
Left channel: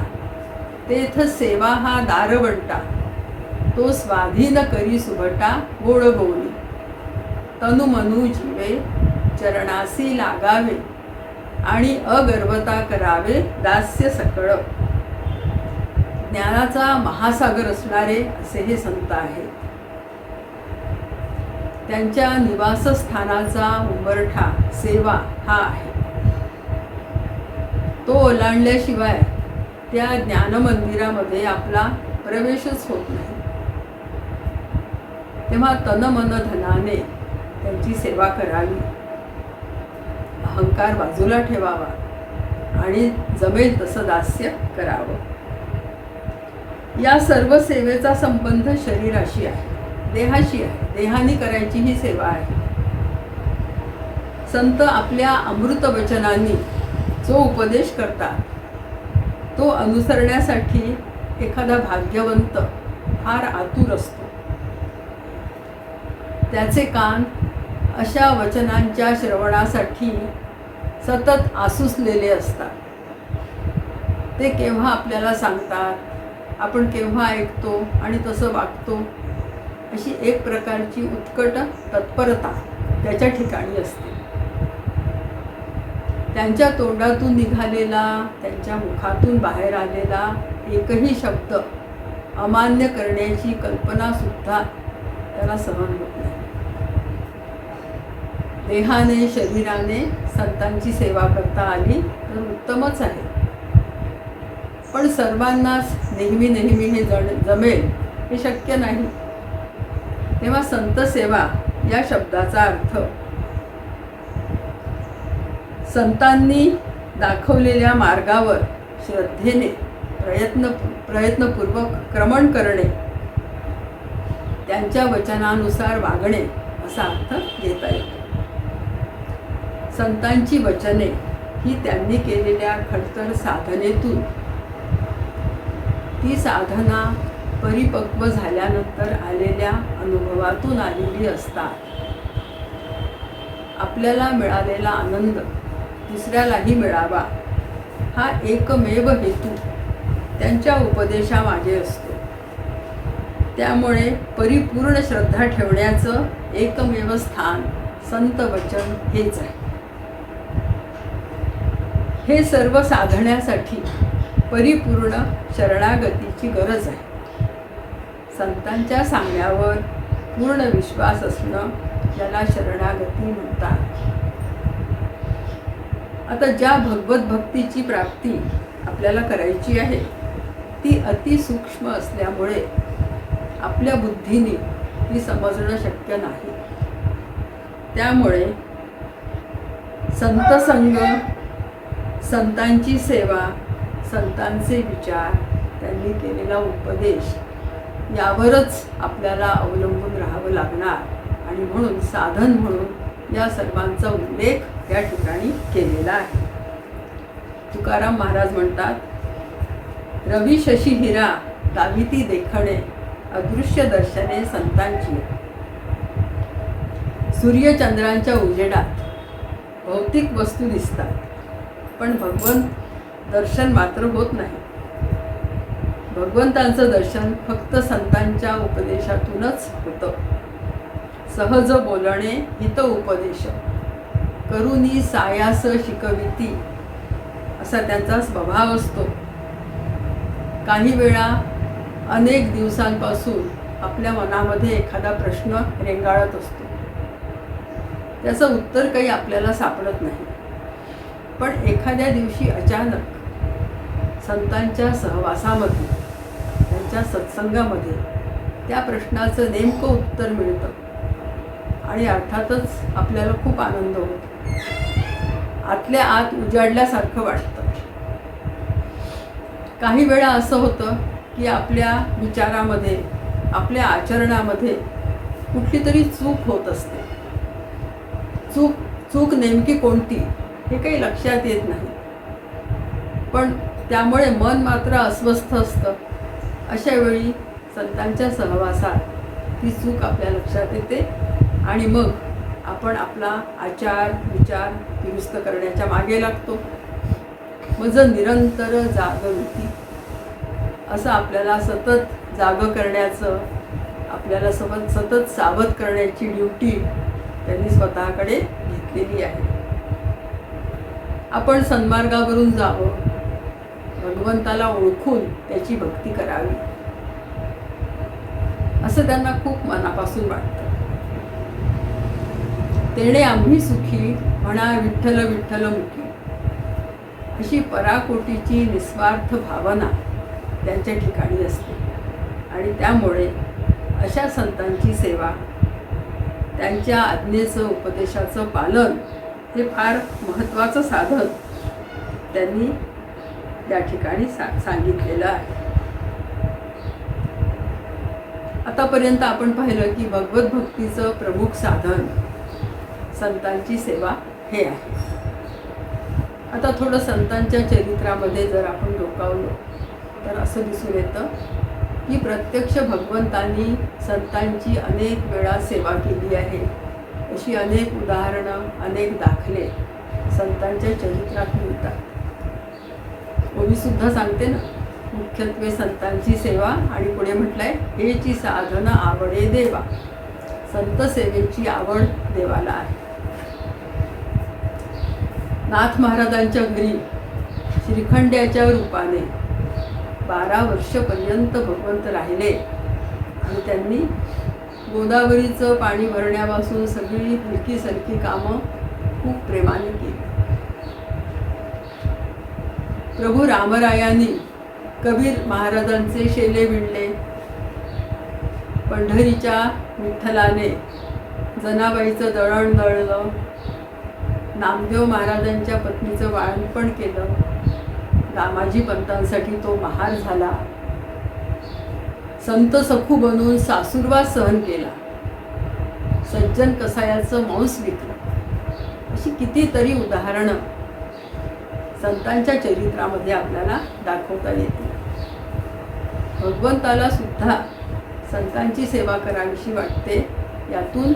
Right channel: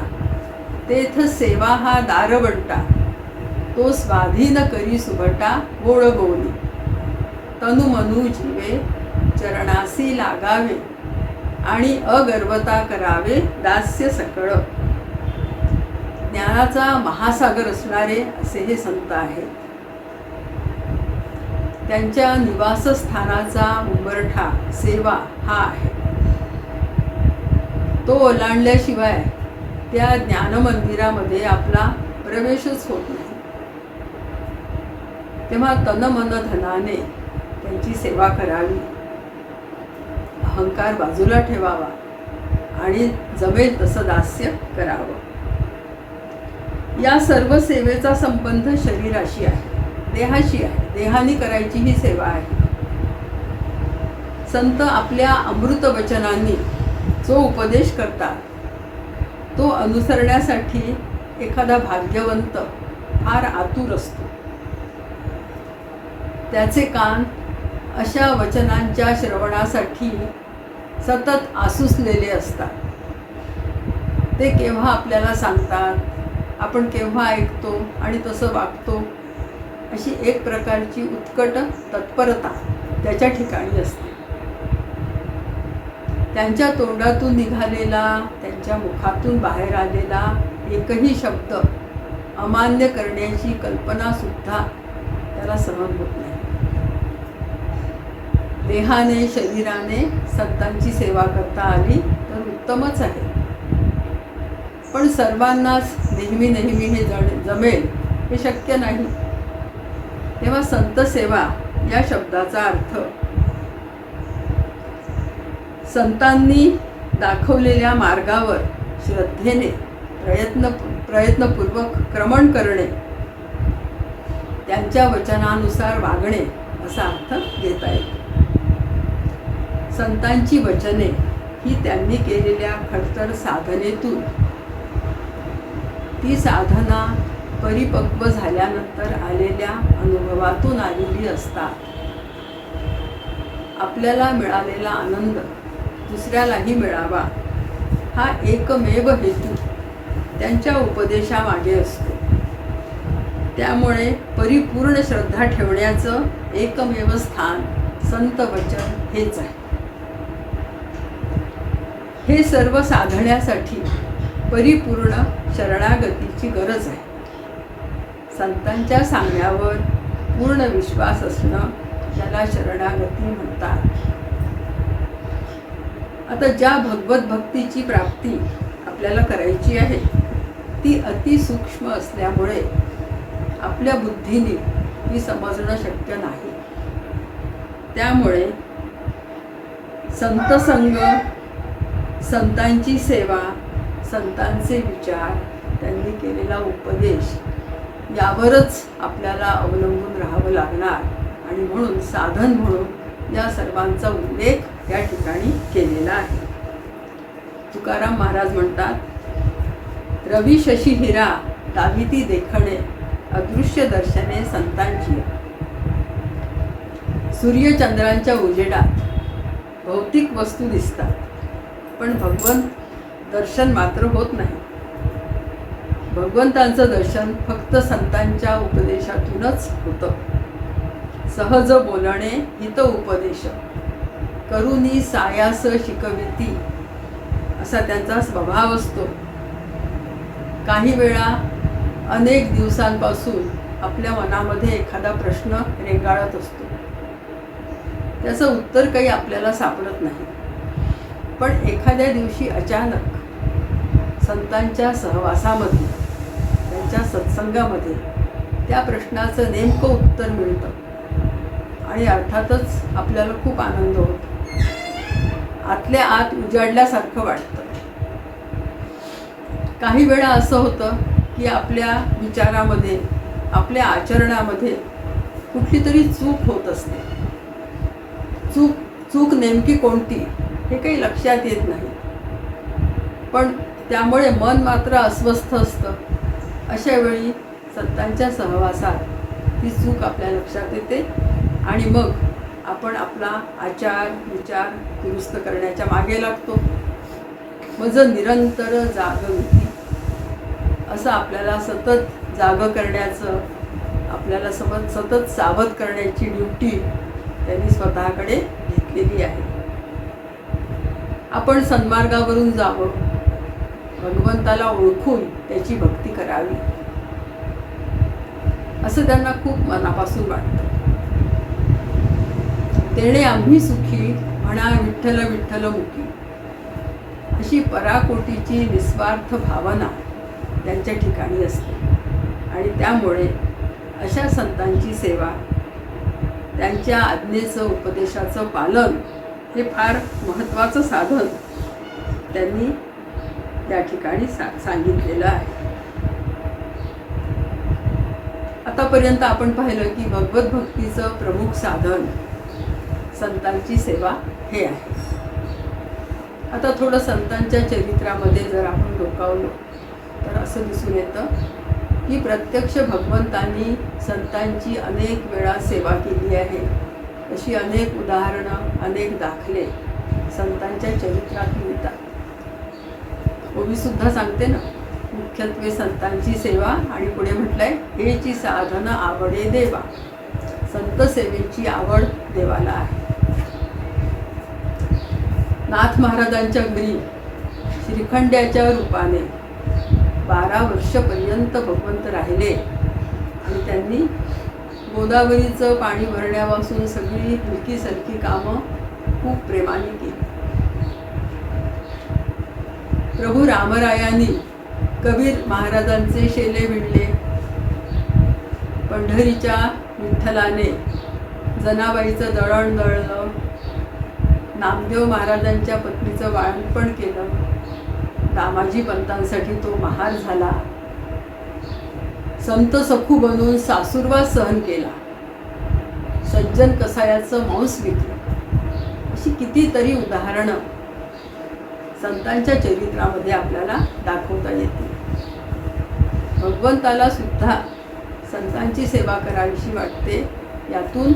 तेथ सेवा हा दारवंटा, तो स्वाधीन करी सुभटा गोड बोली. तनु मनु जीवे चरणासी लागावे, आणि अगर्वता करावे दास्य सकळ. ज्ञानाचा महासागर असणारे असे हे संत आहेत. त्यांच्या निवासस्थानाचा उंबरठा सेवा हा आहे. तो ओलांडल्याशिवाय त्या ज्ञानमंदिरामध्ये आपला प्रवेशच होत नाही. तेव्हा तन मन धनाने त्यांची सेवा करावी, अहंकार बाजूला ठेवावा आणि जमेल तसं दास्य करावं. या सर्व सेवेचा संबंध शरीराशी आहे, देहाशी आहे. देहाने करायची ही सेवा आहे. संत आपल्या अमृत वचनांनी जो उपदेश करतात तो अनुसरण्यासाठी एखादा भाग्यवंत फार आतुर असतो. त्याचे कान अशा वचनांच्या श्रवणासाठी सतत आसुसलेले असतात. ते केव्हा आपल्याला सांगतात, आपण केव्हा ऐकतो आणि तसं वागतो, अशी एक प्रकारची उत्कट तत्परता त्याच्या ठिकाणी असते. त्यांच्या तोंडातून निघालेला, त्यांच्या मुखातून बाहेर आलेला एकही शब्द अमान्य करण्याची कल्पनासुद्धा त्याला सहन होत नाही. देहाने शरीराने संतांची सेवा करता आली तर उत्तमच आहे, पण सर्वांनाच नेहमी नेहमी हे जमेल हे शक्य नाही. तेव्हा संत सेवा या शब्दाचा अर्थ संतांनी दाखवलेल्या मार्गावर श्रद्धेने प्रयत्नपूर्वक क्रमण करणे, त्यांच्या वचनानुसार वागणे असा अर्थ घेता येतो. संतांची वचने ही त्यांनी केलेल्या खडतर साधनेतून, ती साधना परिपक्व झाल्यानंतर आलेल्या अनुभवातून आलेली असतात. आपल्याला मिळालेला आनंद दुसऱ्यालाही मिळावा हा एकमेव हेतू त्यांच्या उपदेशामागे असतो. त्यामुळे परिपूर्ण श्रद्धा ठेवण्याचं एकमेव स्थान संत वचन हेच आहे. हे सर्व साधण्यासाठी परिपूर्ण शरणागतीची गरज आहे. संतांच्या सांगण्यावर पूर्ण विश्वास असणं याला शरणागती म्हणतात. आता ज्या भगवत भक्तीची प्राप्ती आपल्याला करायची आहे ती अतिसूक्ष्म असल्यामुळे आपल्या बुद्धीने ती समजणं शक्य नाही. त्यामुळे संतसंग, संतांची सेवा, संतांचे विचार, त्यांनी केलेला उपदेश यावरच आपल्याला अवलंबून राहावं लागणार. आणि म्हणून साधन म्हणून या सर्वांचा उल्लेख या ठिकाणी केलेला आहे. तुकाराम महाराज म्हणतात, रवी शशी हिरा दाविती देखणे अदृश्य दर्शने संतांची. सूर्यचंद्रांच्या उजेडात भौतिक वस्तू दिसतात, पण भगवंत दर्शन मात्र होत नाही. भगवंतांचं दर्शन फक्त संतांच्या उपदेशातूनच होतं. सहज बोलणे हित उपदेश करुनी सायास शिकविती असा त्यांचा स्वभाव असतो. काही वेळा अनेक दिवसांपासून आपल्या मनामध्ये एखादा प्रश्न रेंगाळत असतो. त्याचं उत्तर काही आपल्याला सापडत नाही, पण एखाद्या दिवशी अचानक संतांच्या सहवासामध्ये, त्यांच्या सत्संगामध्ये त्या प्रश्नाचं नेमकं उत्तर मिळतं आणि अर्थातच आपल्याला खूप आनंद होतो. आतल्या आत उजाडल्यासारखं वाटतं. काही वेळा असं होतं की आपल्या विचारामध्ये, आपल्या आचरणामध्ये कुठली तरी चूक होत असते. चूक नेमकी कोणती हे काही लक्षात येत नाही, पण त्यामुळे मन मात्र अस्वस्थ असतं. अशा वेळी संतांच्या सहवासात ती चूक आपल्या लक्षात येते आणि मग आपण आपला आचार विचार दुरुस्त करण्याच्या मागे लागतो. मग निरंतर जागवती असं आपल्याला सतत जागं करण्याचं, आपल्याला सतत सावध करण्याची ड्युटी त्यांनी स्वतःकडे घेतलेली आहे. आपण सन्मार्गावरून जावं, भगवंताला ओळखून त्याची भक्ती करावी असं त्यांना खूप मनापासून वाटतं. तेणे आम्ही सुखी म्हणा विठ्ठल विठ्ठल मुखी, अशी पराकोटीची निस्वार्थ भावना त्यांच्या ठिकाणी असते. आणि त्यामुळे अशा संतांची सेवा, त्यांच्या आज्ञेचं उपदेशाचं पालन हे फार महत्त्वाचं साधन त्यांनी त्या ठिकाणी सांगितलेलं आहे. आतापर्यंत आपण पाहिलं की भगवत भक्तीचं प्रमुख साधन संतांची सेवा हे आहे. आता थोडं संतांच्या चरित्रामध्ये जर आपण डोकावलो तर असं दिसून येतं की प्रत्यक्ष भगवंतांनी संतांची अनेक वेळा सेवा केली आहे. अशी अनेक उदाहरणं, अनेक दाखले संतांच्या चरित्रात मिळतात. ओवीसुद्धा सांगते ना, मुख्यत्वे संतांची सेवा, आणि पुढे म्हटलंय हेची साधन आवडे देवा. संत सेवेची आवड देवाला आहे. नाथ महाराजांच्या घरी श्रीखंड्याच्या रूपाने 12 वर्षपर्यंत भगवंत राहिले आणि त्यांनी गोदावरीचं पाणी भरण्यापासून सगळी हलकी सलकी कामं खूप प्रेमाने केली. प्रभू रामरायांनी कबीर महाराजांचे शेले विणले. पंढरीच्या विठ्ठलाने जनाबाईचं दळण दळलं. नामदेव महाराजांच्या पत्नीचं बाळंतपण केलं. दामाजी पंतांसाठी तो महार झाला. संत सखू बनून सासुरवास सहन केला. सज्जन कसायाचं मांस विकलं. अशी कितीतरी उदाहरणं संतांच्या चरित्रामध्ये आपल्याला दाखवता येतील. भगवंताला सुद्धा संतांची सेवा करावीशी वाटते. यातून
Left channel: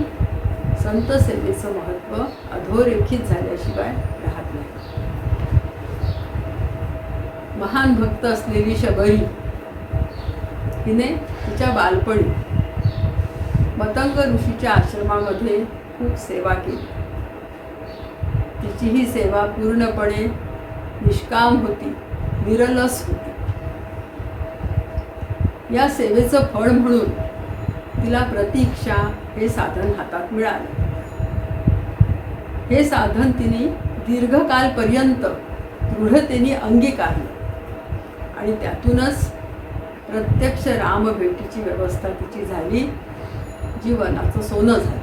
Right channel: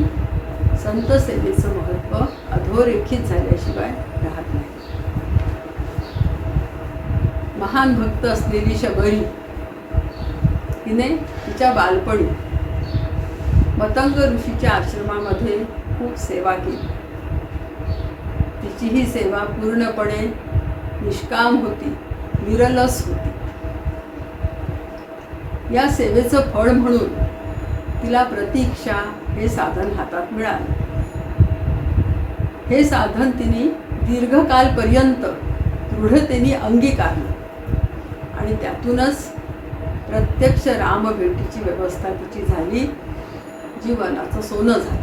संत सेवेचं महत्त्व अधोरेखित झाल्याशिवाय राहत नाही. महान भक्त असलेली शबरी हिने तिच्या बालपणी मतंग ऋषीच्या आश्रमामध्ये खूप सेवा केली. तिची ही सेवा पूर्णपणे निष्काम होती, निरलस होती. या सेवेचं फळ म्हणून तिला प्रतीक्षा हे साधन हातात मिळालं. हे साधन तिने दीर्घकालपर्यंत दृढतेने अंगीकारलं आणि त्यातूनच प्रत्यक्ष रामभेटीची व्यवस्था तिची झाली. जीवनाचं सोनं झालं.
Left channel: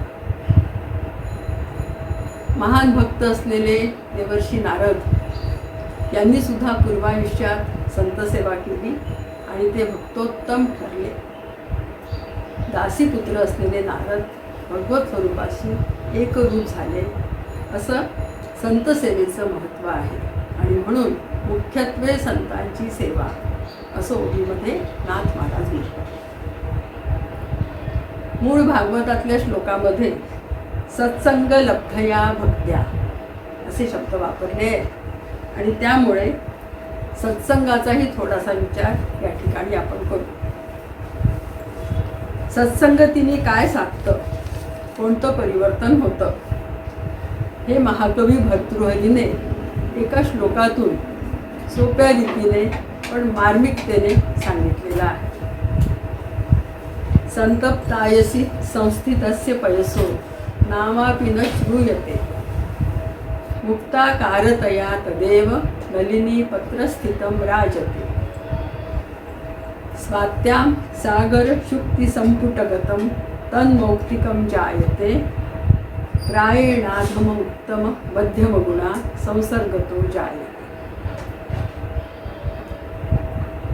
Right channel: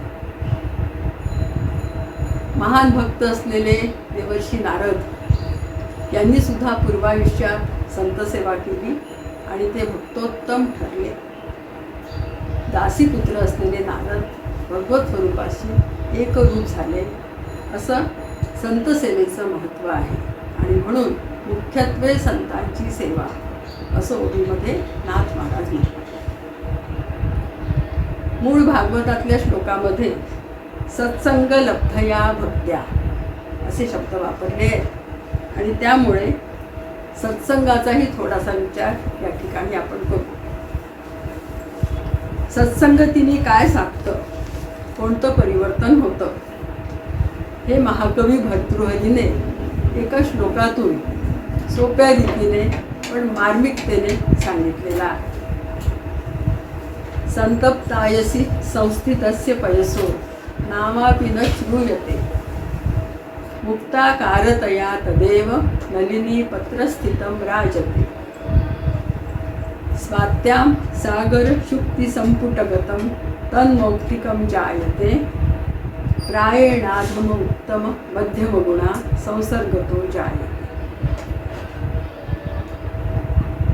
महान भक्त असलेले देवर्षी नारद यांनी सुद्धा पूर्वायुष्यात संतसेवा केली आणि ते भक्तोत्तम ठरले. दासीपुत्र असलेले नारद भगवत स्वरूपाशी एकरूप झाले. असं संतसेवेचं महत्त्व आहे आणि म्हणून मुख्यत्वे संतांची सेवा असं ओवीमध्ये नाथ महाराज म्हणतात. मूळ भागवतातल्या श्लोकामध्ये सत्संग लब्धया भक्त्या असे शब्द वापरले आहेत आणि त्यामुळे सत्संगाचाही थोडासा विचार या ठिकाणी आपण करू. सत्संगतीने काय साधतं, कोणतं परिवर्तन होतं, हे महाकवी भर्तृहरीने एका श्लोकातून सोप्या रीतीने पण मार्मिकतेने सांगितलेलं आहे. संतप्तायसी संस्थितस्य पयसो नामापि न श्रूयते मुक्ताकारतया तदेव नलिनी पत्रस्थितं राजते स्वात्यां सागर शुक्ति संपुटगतं तन्मौक्तिकं जायते प्रायेणाधम उत्तम मध्यम गुणा संसर्गतो जायते.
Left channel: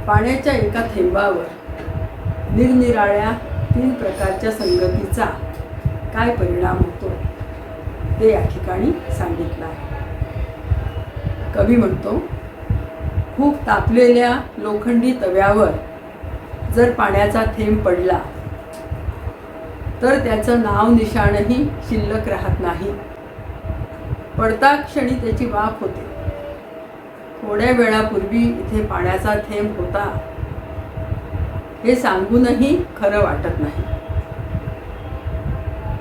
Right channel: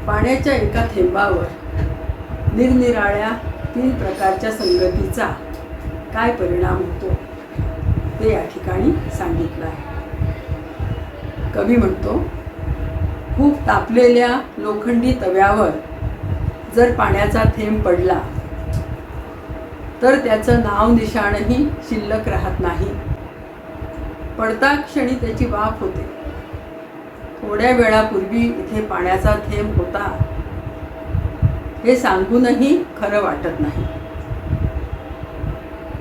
पाण्याच्या एका थेंबावर निरनिराळ्या 3 प्रकारच्या संगतीचा काय परिणाम होतो ते या ठिकाणी सांगितलं आहे. कवी म्हणतो, खूप तापलेल्या लोखंडी तव्यावर जर पाण्याचा थेंब पडला तर त्याचं नाव निशाणही शिल्लक राहत नाही. पडता क्षणी त्याची वाफ होते. थोड्या वेळापूर्वी इथे पाण्याचा थेंब होता हे सांगूनही खरं वाटत नाही.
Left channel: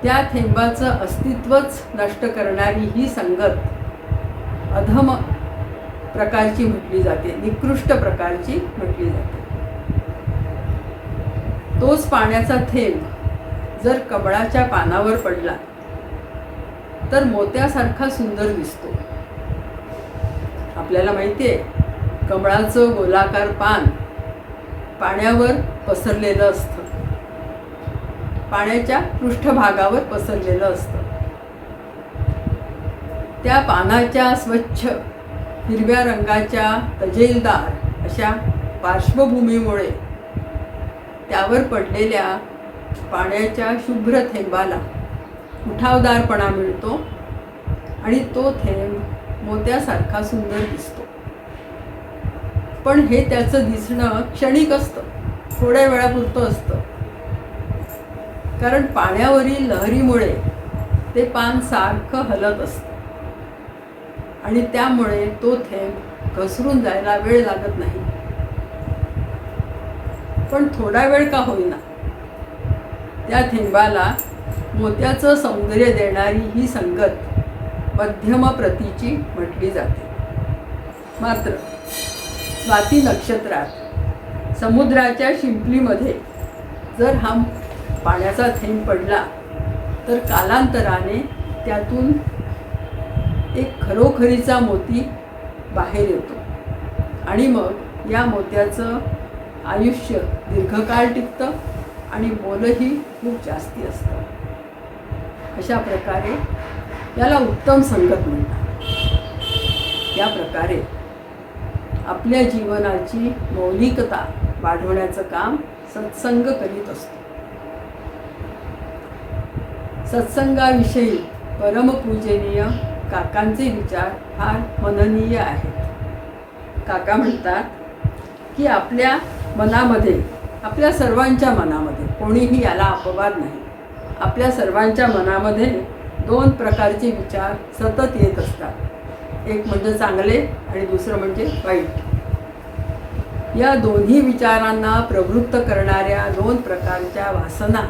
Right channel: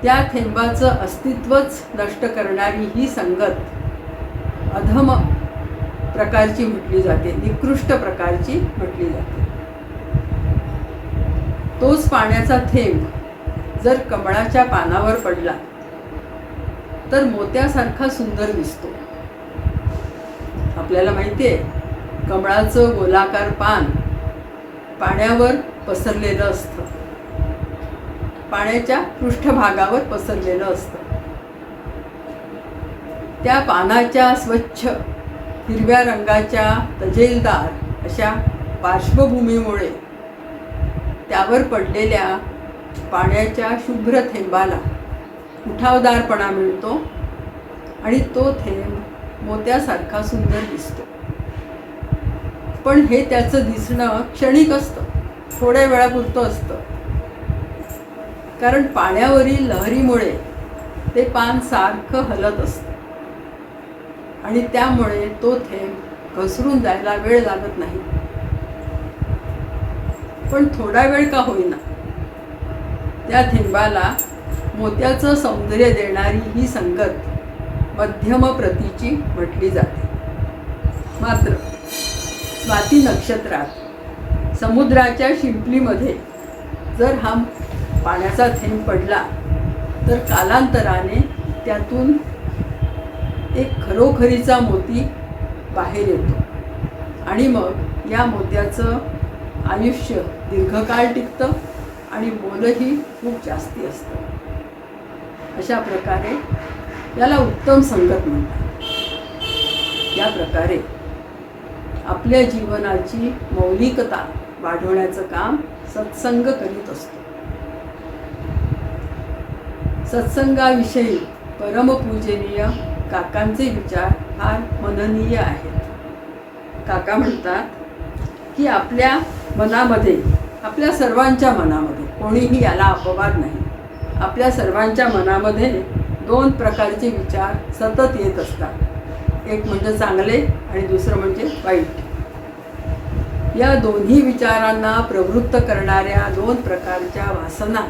त्या थेंबाचं अस्तित्वच नष्ट करणारी ही संगत अधम प्रकारची म्हटली जाते, निकृष्ट प्रकारची म्हटली जाते. तोच पाण्याचा थेंब जर कमळाच्या पानावर पडला तर मोत्यासारखा सुंदर दिसतो. आपल्याला माहिती आहे, कमळाचं गोलाकार पान पाण्यावर पसरलेलं असतं, पाण्याच्या पृष्ठभागावर पसरलेलं असतं. त्या पानाच्या स्वच्छ हिरव्या रंगाच्या तजेलदार अशा पार्श्वभूमीमुळे त्यावर पडलेल्या पाण्याच्या शुभ्र थेंबाला उठावदारपणा मिळतो आणि तो थेंब मोत्यासारखा सुंदर दिसतो. पण हे त्याचं दिसणं क्षणिक असतं, थोड्या वेळापुरतं असतं. कारण पाण्यावरील लहरीमुळे ते पान सारखं हलत असतं आणि त्यामुळे तो थेंब घसरून जायला वेळ लागत नाही. पण थोडा वेळ का होईना, त्या थेंबाला मोत्याचं सौंदर्य देणारी ही संगत मध्यम प्रतीची म्हटली जाते. मात्र स्वाती नक्षत्रात समुद्राच्या शिंपलीमध्ये जर हा पाण्याचा थेंब पडला तर कालांतराने त्यातून एक खरोखरीचा मोती बाहेर येतो आणि मग या मोत्याचं आयुष्य दीर्घकाळ टिकतं आणि मोलही खूप जास्ती असतं. अशा प्रकारे याला उत्तम संगत म्हणतात. या प्रकारे आपल्या जीवनाची मौलिकता वाढवण्याचं काम सत्संग करीत असतो. सत्संगाविषयी परमपूजनीय काकांचे विचार फार मननीय आहेत. काका म्हणतात की आपल्या मनामध्ये, आपल्या सर्वांच्या मनामध्ये, कोणीही याला अपवाद नाही, आपल्या सर्वांच्या मनामध्ये दोन प्रकारचे विचार सतत येत असतात. एक म्हणजे चांगले आणि दुसरं म्हणजे वाईट. या दोन्ही विचारांना प्रवृत्त करणाऱ्या दोन प्रकारच्या वासना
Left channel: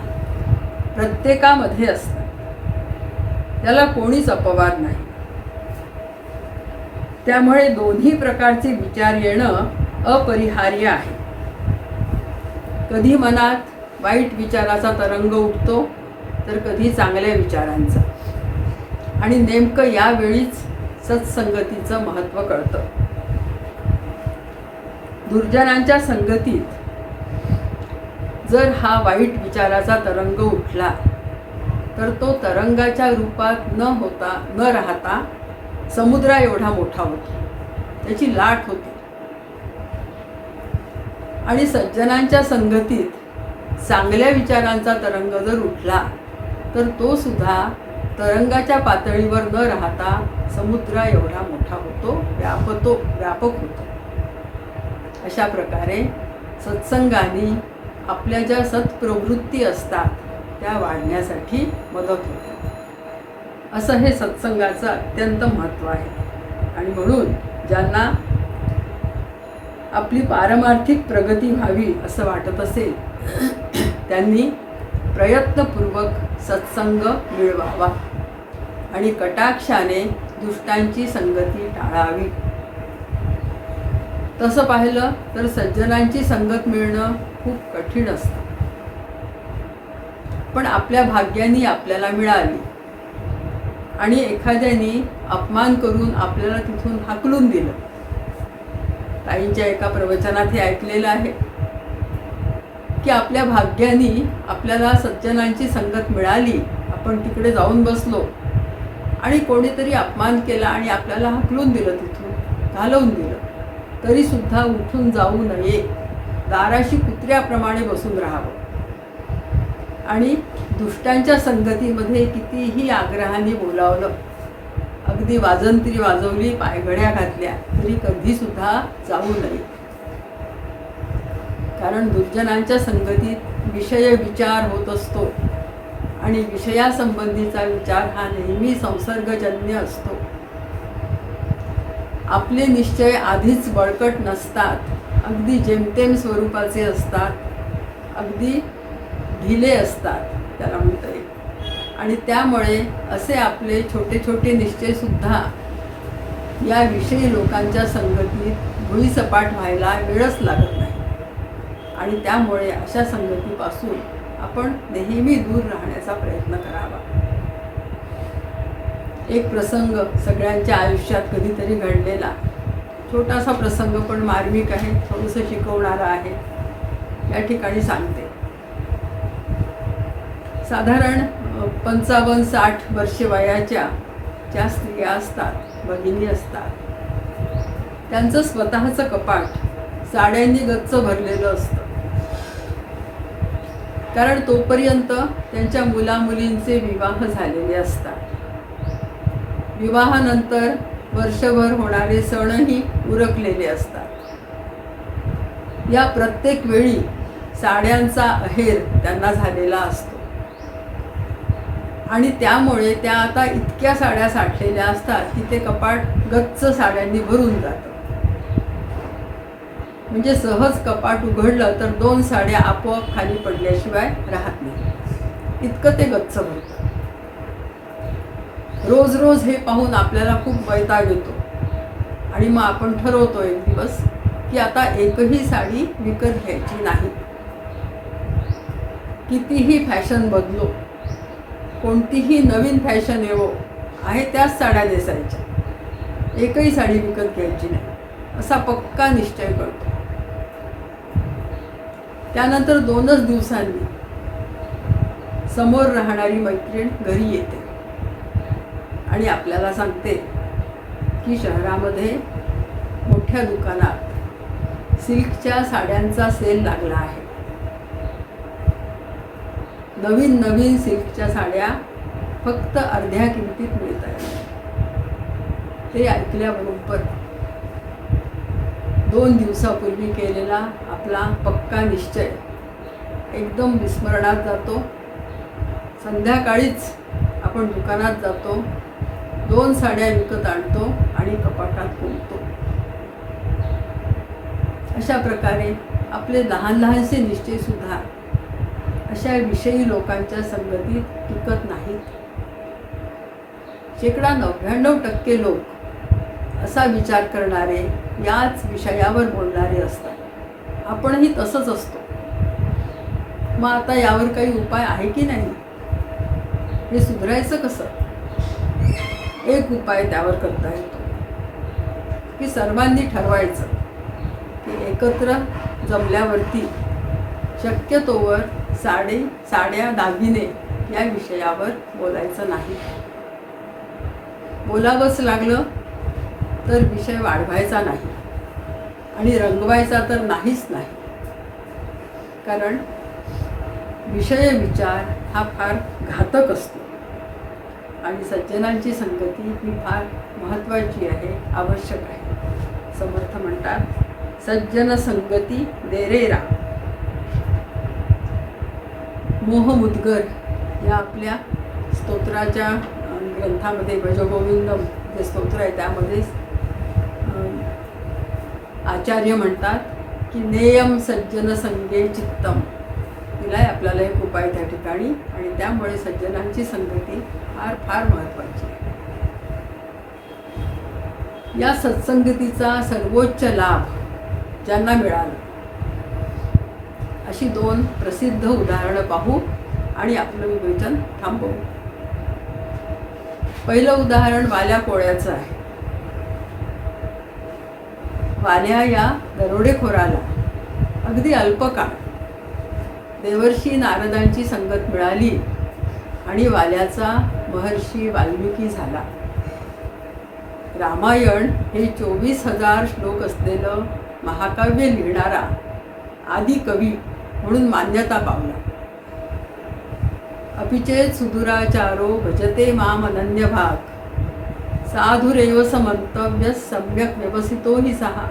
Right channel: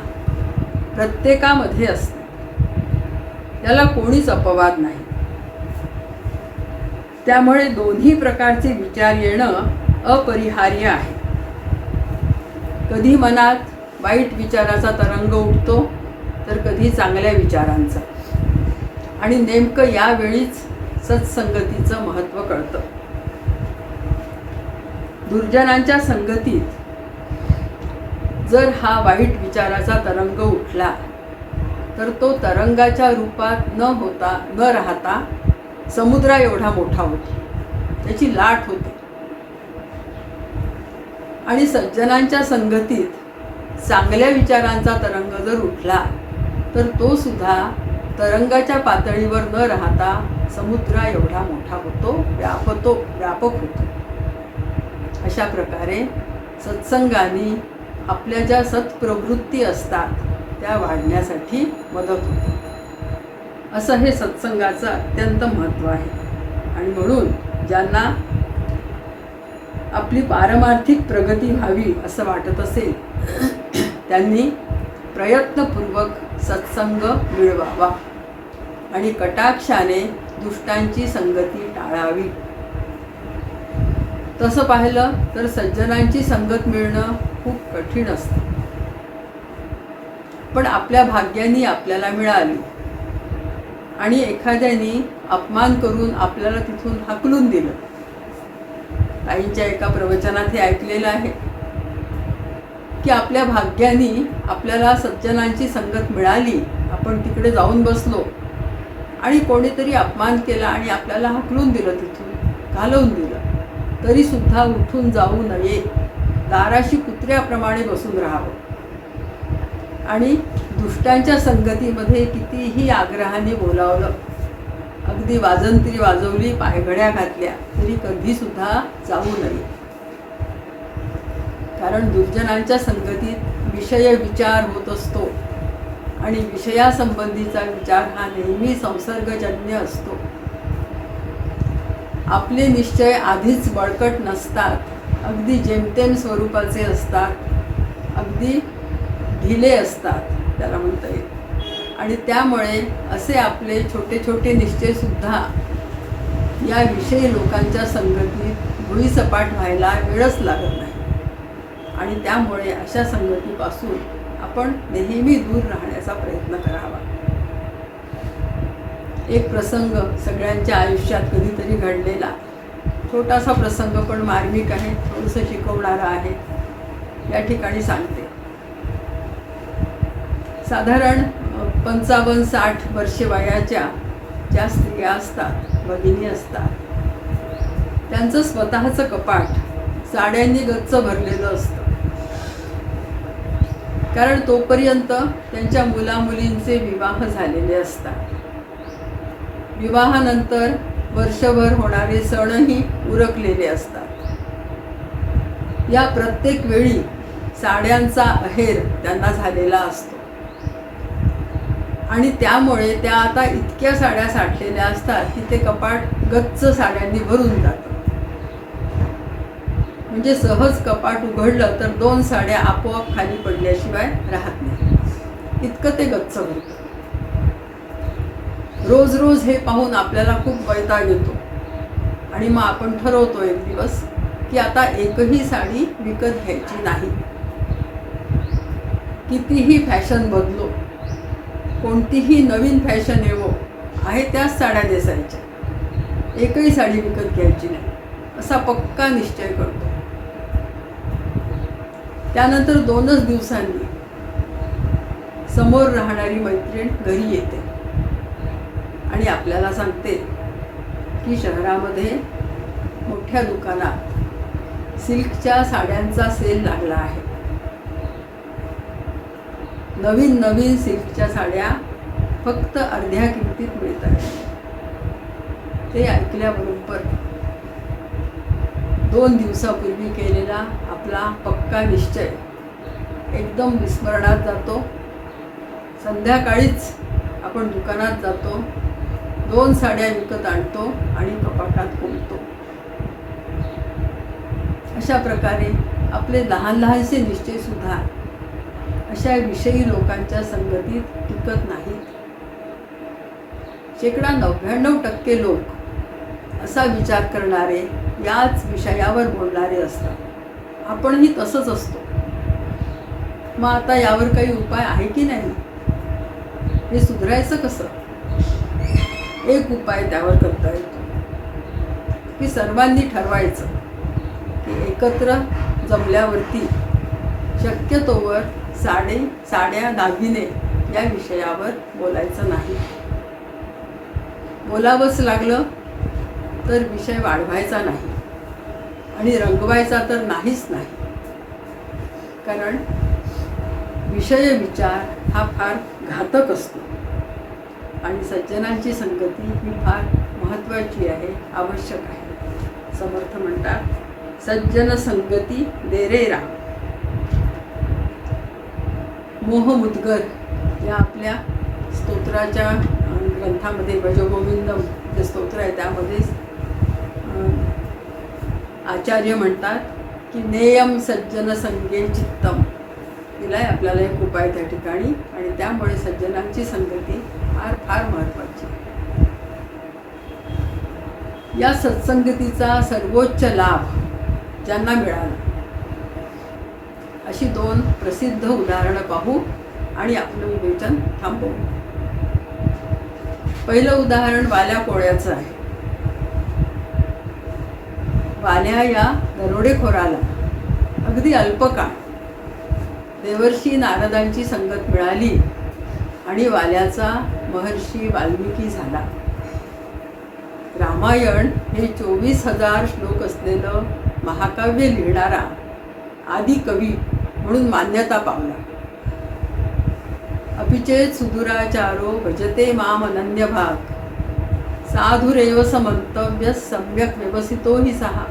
प्रत्येकामध्ये असतात. याला कोणीच अपवाद नाही. त्यामुळे दोन्ही प्रकारचे विचार येणं अपरिहार्य आहे. कधी मनात वाईट विचाराचा तरंग उठतो तर कधी चांगल्या विचारांचा, आणि नेमकं यावेळीच सत्संगतीचं महत्त्व कळतं. दुर्जनांच्या संगतीत जर हा वाईट विचाराचा तरंग उठला तर तो तरंगाच्या रूपात न राहता समुद्रा एवढा मोठा होतो, त्याची लाट होते. आणि सज्जनांच्या संगतीत चांगल्या विचारांचा तरंग जर उठला तर तो सुद्धा तरंगाच्या पातळीवर न राहता समुद्रा एवढा मोठा होतो, व्यापक होतो. अशा प्रकारे सत्संगाने आपल्या ज्या सत्प्रवृत्ती असतात त्या वाढण्यासाठी मदत होते. असं हे सत्संगाचं अत्यंत महत्त्व आहे. आणि म्हणून ज्यांना आपली पारमार्थिक प्रगती व्हावी असं वाटत असेल त्यांनी प्रयत्नपूर्वक सत्संग मिळवावा आणि कटाक्षाने दुष्टांची संगती टाळावी. तसं पाहिलं तर सज्जनांची संगत मिळणं खूप कठीण असतं, पण आपल्या भाग्याने आपल्याला मिळाली आणि एखाद्याने अपमान करून आपल्याला तिथून हाकलून दिलं. ताईंच्या एका प्रवचनात हे ऐकलेलं आहे की आपल्या भाग्याने आपल्याला सज्जनांची संगत मिळाली, आपण तिकडे जाऊन बसलो आणि कोणीतरी अपमान केला आणि आपल्याला हाकलून दिलं, तिथून घालवून दिलं, तरीसुद्धा उठून जाऊ नये, दाराशी कुत्र्याप्रमाणे बसून राहावं. आणि दुष्टांच्या संगतीमध्ये कितीही आग्रहाने बोलावलं, अगदी वाजंत्री वाजवली, पायघड्या घातल्या, तरी कधीसुद्धा जाऊ नये. कारण दुर्जनांच्या संगतीत विषय विचार होत असतो आणि विषयासंबंधीचा विचार हा नेहमी संसर्गजन्य असतो. आपले निश्चय आधीच बळकट नसतात, अगदी जेमतेम स्वरूपाचे असतात, अगदी ढिले असतात त्याला म्हणता येईल. आणि त्यामुळे असे आपले छोटे छोटे निश्चयसुद्धा या विषयी लोकांच्या संगतीत भुईसपाट व्हायला वेळच लागत नाही. आणि त्यामुळे अशा संगतीपासून आपण नेहमी दूर राहण्याचा प्रयत्न करावा. एक प्रसंग सगळ्यांच्या आयुष्यात कधीतरी घडलेला, छोटासा प्रसंग पण मार्मिक आहे, थोडंसं शिकवणारा आहे, या ठिकाणी सांगते. साधारण 55-60 वर्षे वयाच्या ज्या स्त्रिया असतात, भगिनी असतात, त्यांचं स्वतःचं कपाट साड्यांनी गच्च भरलेलं असतं. कारण तोपर्यंत त्यांच्या मुलामुलींचे विवाह झालेले असतात. विवाहानंतर वर्षभर होणारे सणही उरकलेले असतात. या प्रत्येक वेळी साड्यांचा अहेर त्यांना झालेला असतो आणि त्यामुळे त्या आता इतक्या साड्या साठलेल्या असतात की ते कपाट गच्च साड्यांनी भरून जातं. म्हणजे सहज कपाट उघडलं तर 2 साड्या आपोआप खाली पडल्याशिवाय राहत नाही, इतकं ते गच्च भरतं. रोज रोज हे पाहून आपल्याला खूप वैताग येतो आणि मग आपण ठरवतो एक दिवस की आता एकही साडी विकत घ्यायची नाही. कितीही फॅशन बदलो, कोणतीही नवीन फॅशन येवो, आहे त्याच साड्या नेसायच्या, एकही साडी विकत घ्यायची नाही, असा पक्का निश्चय करतो. त्यानंतर 2च दिवसांनी समोर राहणारी मैत्रीण घरी येते आणि आपल्याला सांगते की शहरामध्ये मोठ्या दुकानात सिल्कच्या साड्यांचा सेल लागला आहे. नवीन नवीन सिल्कच्या साड्या फक्त अर्ध्या किमतीत मिळत आहेत. ते ऐकल्याबरोबर 2 दिवसापूर्वी केलेला आपला पक्का निश्चय एकदम विस्मरणात जातो. संध्याकाळीच आपण दुकानात जातो, 2 साड्या विकत आणतो आणि कपाटात खोलतो. अशा प्रकारे आपले लहान लहानसे निश्चयसुद्धा अशा विषयी लोकांच्या संगतीत टिकत नाहीत. 99% लोक असा विचार करणारे, याच विषयावर बोलणारे असतात. आपणही तसंच असतो. मग आता यावर काही उपाय आहे की नाही? हे सुधारायचं कसं? एक उपाय त्यावर करता येतो की सर्वांनी ठरवायचं की एकत्र जमल्यावरती शक्यतोवर साड्या, दागिने या विषयावर बोलायचं नाही. बोलावंच लागलं तर विषय वाढवायचा नाही आणि रंगवायचा तर नाहीच नाही. कारण विषय विचार हा फार घातक असतो आणि सज्जनांची संगती ही फार महत्त्वाची आहे, आवश्यक आहे. समर्थ म्हणतात, सज्जन संगती देरेरा. मोहमुद्गर या आपल्या स्तोत्राच्या ग्रंथामध्ये, भजगोविंदम जे स्तोत्र आहे त्यामध्ये आचार्य म्हणतात की नेयम सज्जन संगे चित्तम. दिलाय आपल्याला एक उपाय त्या ठिकाणी, आणि त्यामुळे सज्जनांची संगती फार फार महत्त्वाची आहे. या सत्संगतीचा सर्वोच्च लाभ ज्यांना मिळाला, अशी 2 प्रसिद्ध उदाहरणं पाहू आणि आपलं विवेचन थांबवू. पहिलं उदाहरण वाल्या कोळ्याचं आहे. वाल्या या दरोडेखोराला अगदी अल्पकाळ देवर्षी नारदांची संगत मिळाली आणि वाल्याचा महर्षी वाल्मिकी झाला. रामायण हे 24,000 श्लोक असलेलं महाकाव्य लिहिणारा आदी कवी म्हणून मान्यता पावला. अपिचेत सुदुराचारो भजते माम अनन्य भाग, साधुरेव समंतव्य सम्यक व्यवसितो हि सहा.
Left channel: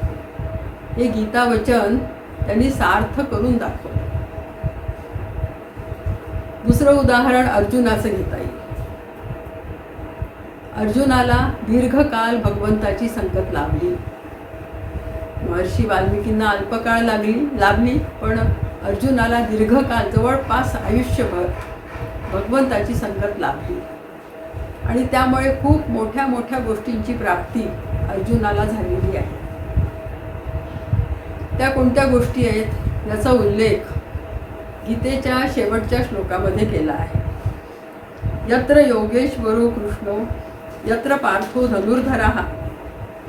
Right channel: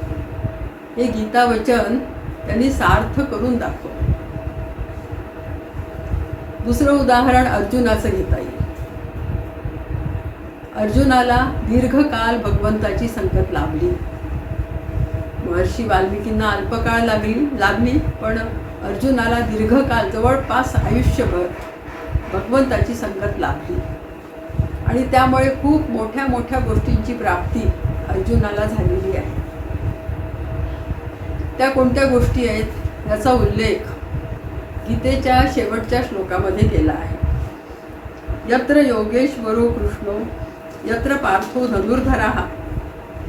हे गीतावचन त्यांनी सार्थ करून दाखवलं. दुसरं उदाहरण अर्जुनाचं घेता येईल. अर्जुनाला दीर्घकाळ भगवंताची संगत लाभली. महर्षी वाल्मिकींना अल्पकाळ लाभली, पण अर्जुनाला दीर्घकाळ, जवळपास आयुष्यभर भगवंताची संगत लाभली आणि त्यामुळे खूप मोठ्या मोठ्या गोष्टींची प्राप्ती अर्जुनाला झालेली आहे. त्या कोणत्या गोष्टी आहेत याचा उल्लेख गीतेच्या शेवटच्या श्लोकामध्ये केला आहे. यत्र योगेश्वरो कृष्णो यत्र पार्थो धनुर्धरः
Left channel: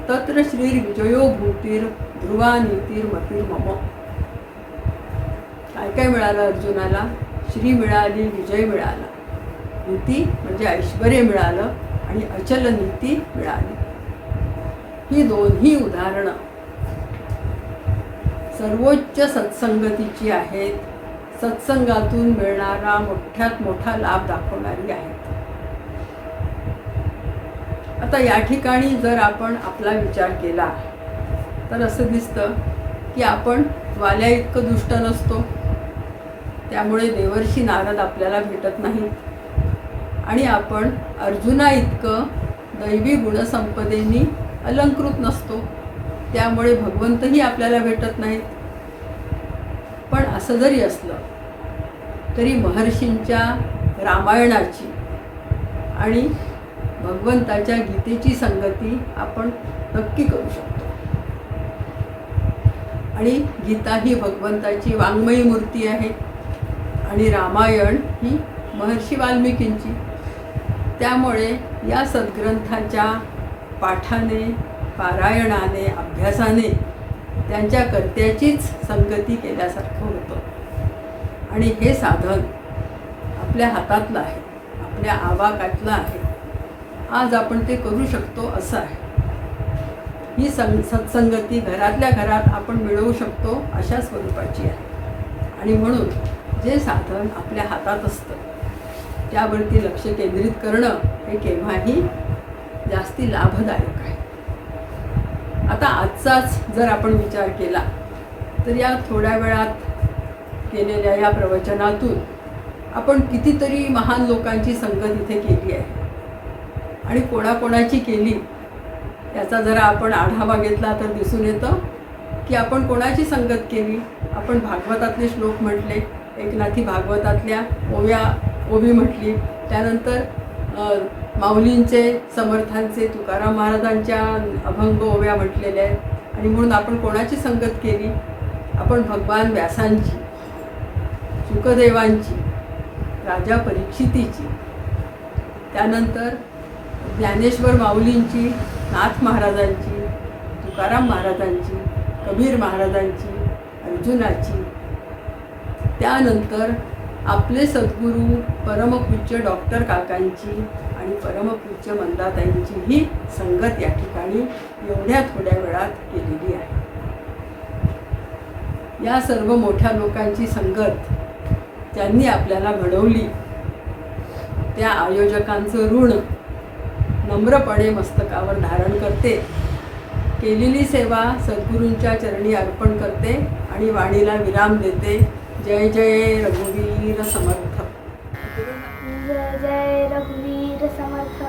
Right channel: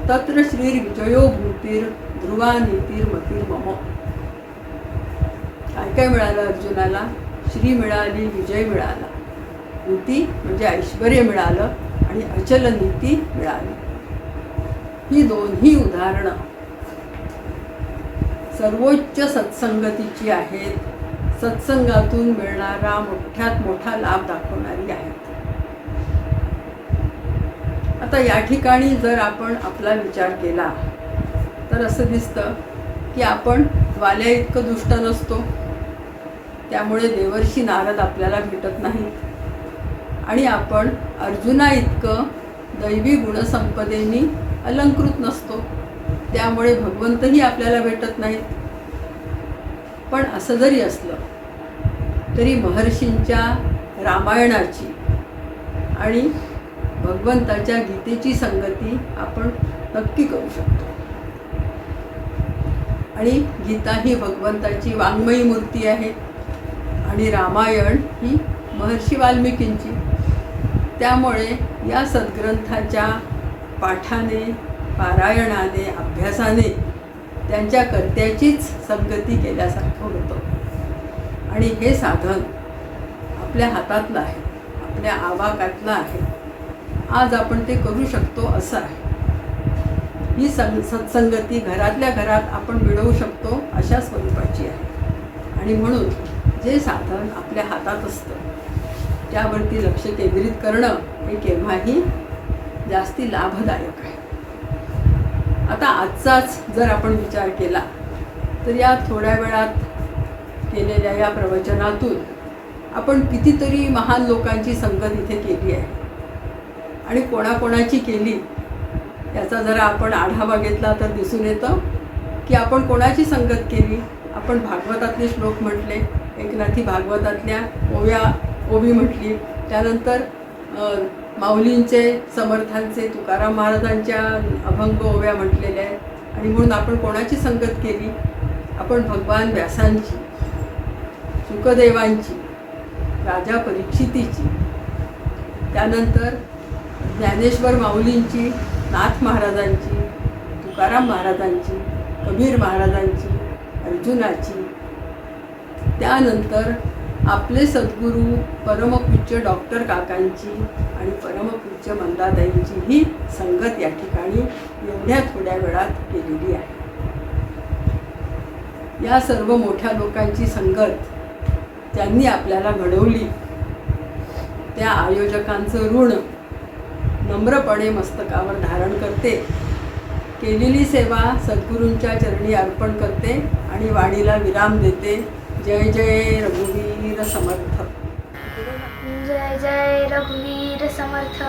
तत्र श्रीर्विजयो भूतीर ध्रुवा नीतीर्मतीर मम. काय काय मिळालं अर्जुनाला? श्री मिळाली, विजय मिळाला, नीती म्हणजे ऐश्वर्य मिळालं आणि अचल नीती मिळाली. ही दोन्ही उदाहरणं सर्वोच्च सत्संगतीची आहेत. सत्संगातून मिळणारा मोठ्यात मोठा लाभ दाखवणारी आहेत. आता या ठिकाणी जर आपण आपला विचार केला तर असं दिसतं की आपण वाल्या इतकं दुष्ट नसतो, त्यामुळे देवर्षी नारद आपल्याला भेटत नाहीत, आणि आपण अर्जुना इतकं दैवी गुणसंपदेनी अलंकृत नसतो, त्यामुळे भगवंतही आपल्याला भेटत नाहीत. पण असं जरी असलं तरी महर्षींच्या रामायणाची आणि भगवंताच्या गीतेची संगती आपण नक्की करू शकतो. आणि गीता ही भगवंताची वाङ्मयी मूर्ती आहे आणि रामायण ही महर्षी वाल्मिकींची. त्यामुळे या सद्ग्रंथाच्या पाठाने, पारायणाने, अभ्यासाने त्यांच्या कर्त्याचीच संगती केल्यासारखं होतं. आणि हे साधन आपल्या हातातलं आहे, आपल्या आवाकातलं आहे. आज आपण ते करू शकतो असं आहे. ही सत्संगती घरातल्या घरात आपण मिळवू शकतो अशा स्वरूपाची आहे. आणि म्हणून जे साधन आपल्या हातात असतं त्यावरती लक्ष केंद्रित करणं हे केव्हाही जास्ती लाभदायक आहे. आता आजचाच जर आपण विचार केला तर या थोड्या वेळात केलेल्या या प्रवचनातून आपण कितीतरी महान लोकांची संगत इथे केली आहे. आणि कोणाकोणाची केली याचा जरा आपण आढावा घेतला तर दिसून येतं की आपण कोणाची संगत केली. आपण भागवतातले श्लोक म्हटले, एकनाथी भागवतातल्या ओवी म्हटली, त्यानंतर माऊलींचे, समर्थांचे, तुकाराम महाराजांच्या अभंग ओव्या म्हटलेल्या आहेत. आणि म्हणून आपण कोणाची संगत केली? आपण भगवान व्यासांची, शुकदेवांची, राजा परीक्षितीची, त्यानंतर ज्ञानेश्वर माऊलींची, नाथ महाराजांची, तुकाराम महाराजांची, कबीर महाराजांची, अर्जुनाची, त्यानंतर आपले सद्गुरू परमपूज्य डॉक्टर काकांची आणि परमपूज्य मंदाताईंची ही संगत या ठिकाणी एवढ्या थोड्या वेळात केलेली आहे. या सर्व मोठ्या लोकांची संगत त्यांनी आपल्याला घडवली. त्या आयोजकांचं ऋण नम्रपणे मस्तकावर धारण करते. केलेली सेवा सद्गुरूंच्या चरणी अर्पण करते आणि वाणीला विराम देते. जय जय रघुवीर समर्थ. जय जय रघुवीर समर्थ.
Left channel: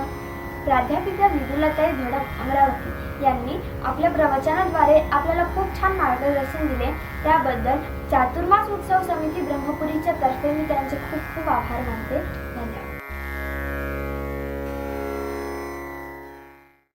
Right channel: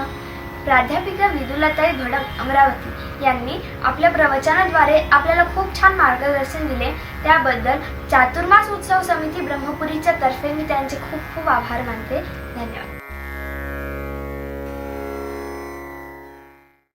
प्राध्यापिका विदुलाताई धडक, अमरावती यांनी आपल्या प्रवचनाद्वारे आपल्याला खूप छान मार्गदर्शन दिले. त्याबद्दल चातुर्मास उत्सव समिती ब्रह्मपुरीच्या तर्फे मी त्यांचे खूप खूप आभार मानते. धन्यवाद.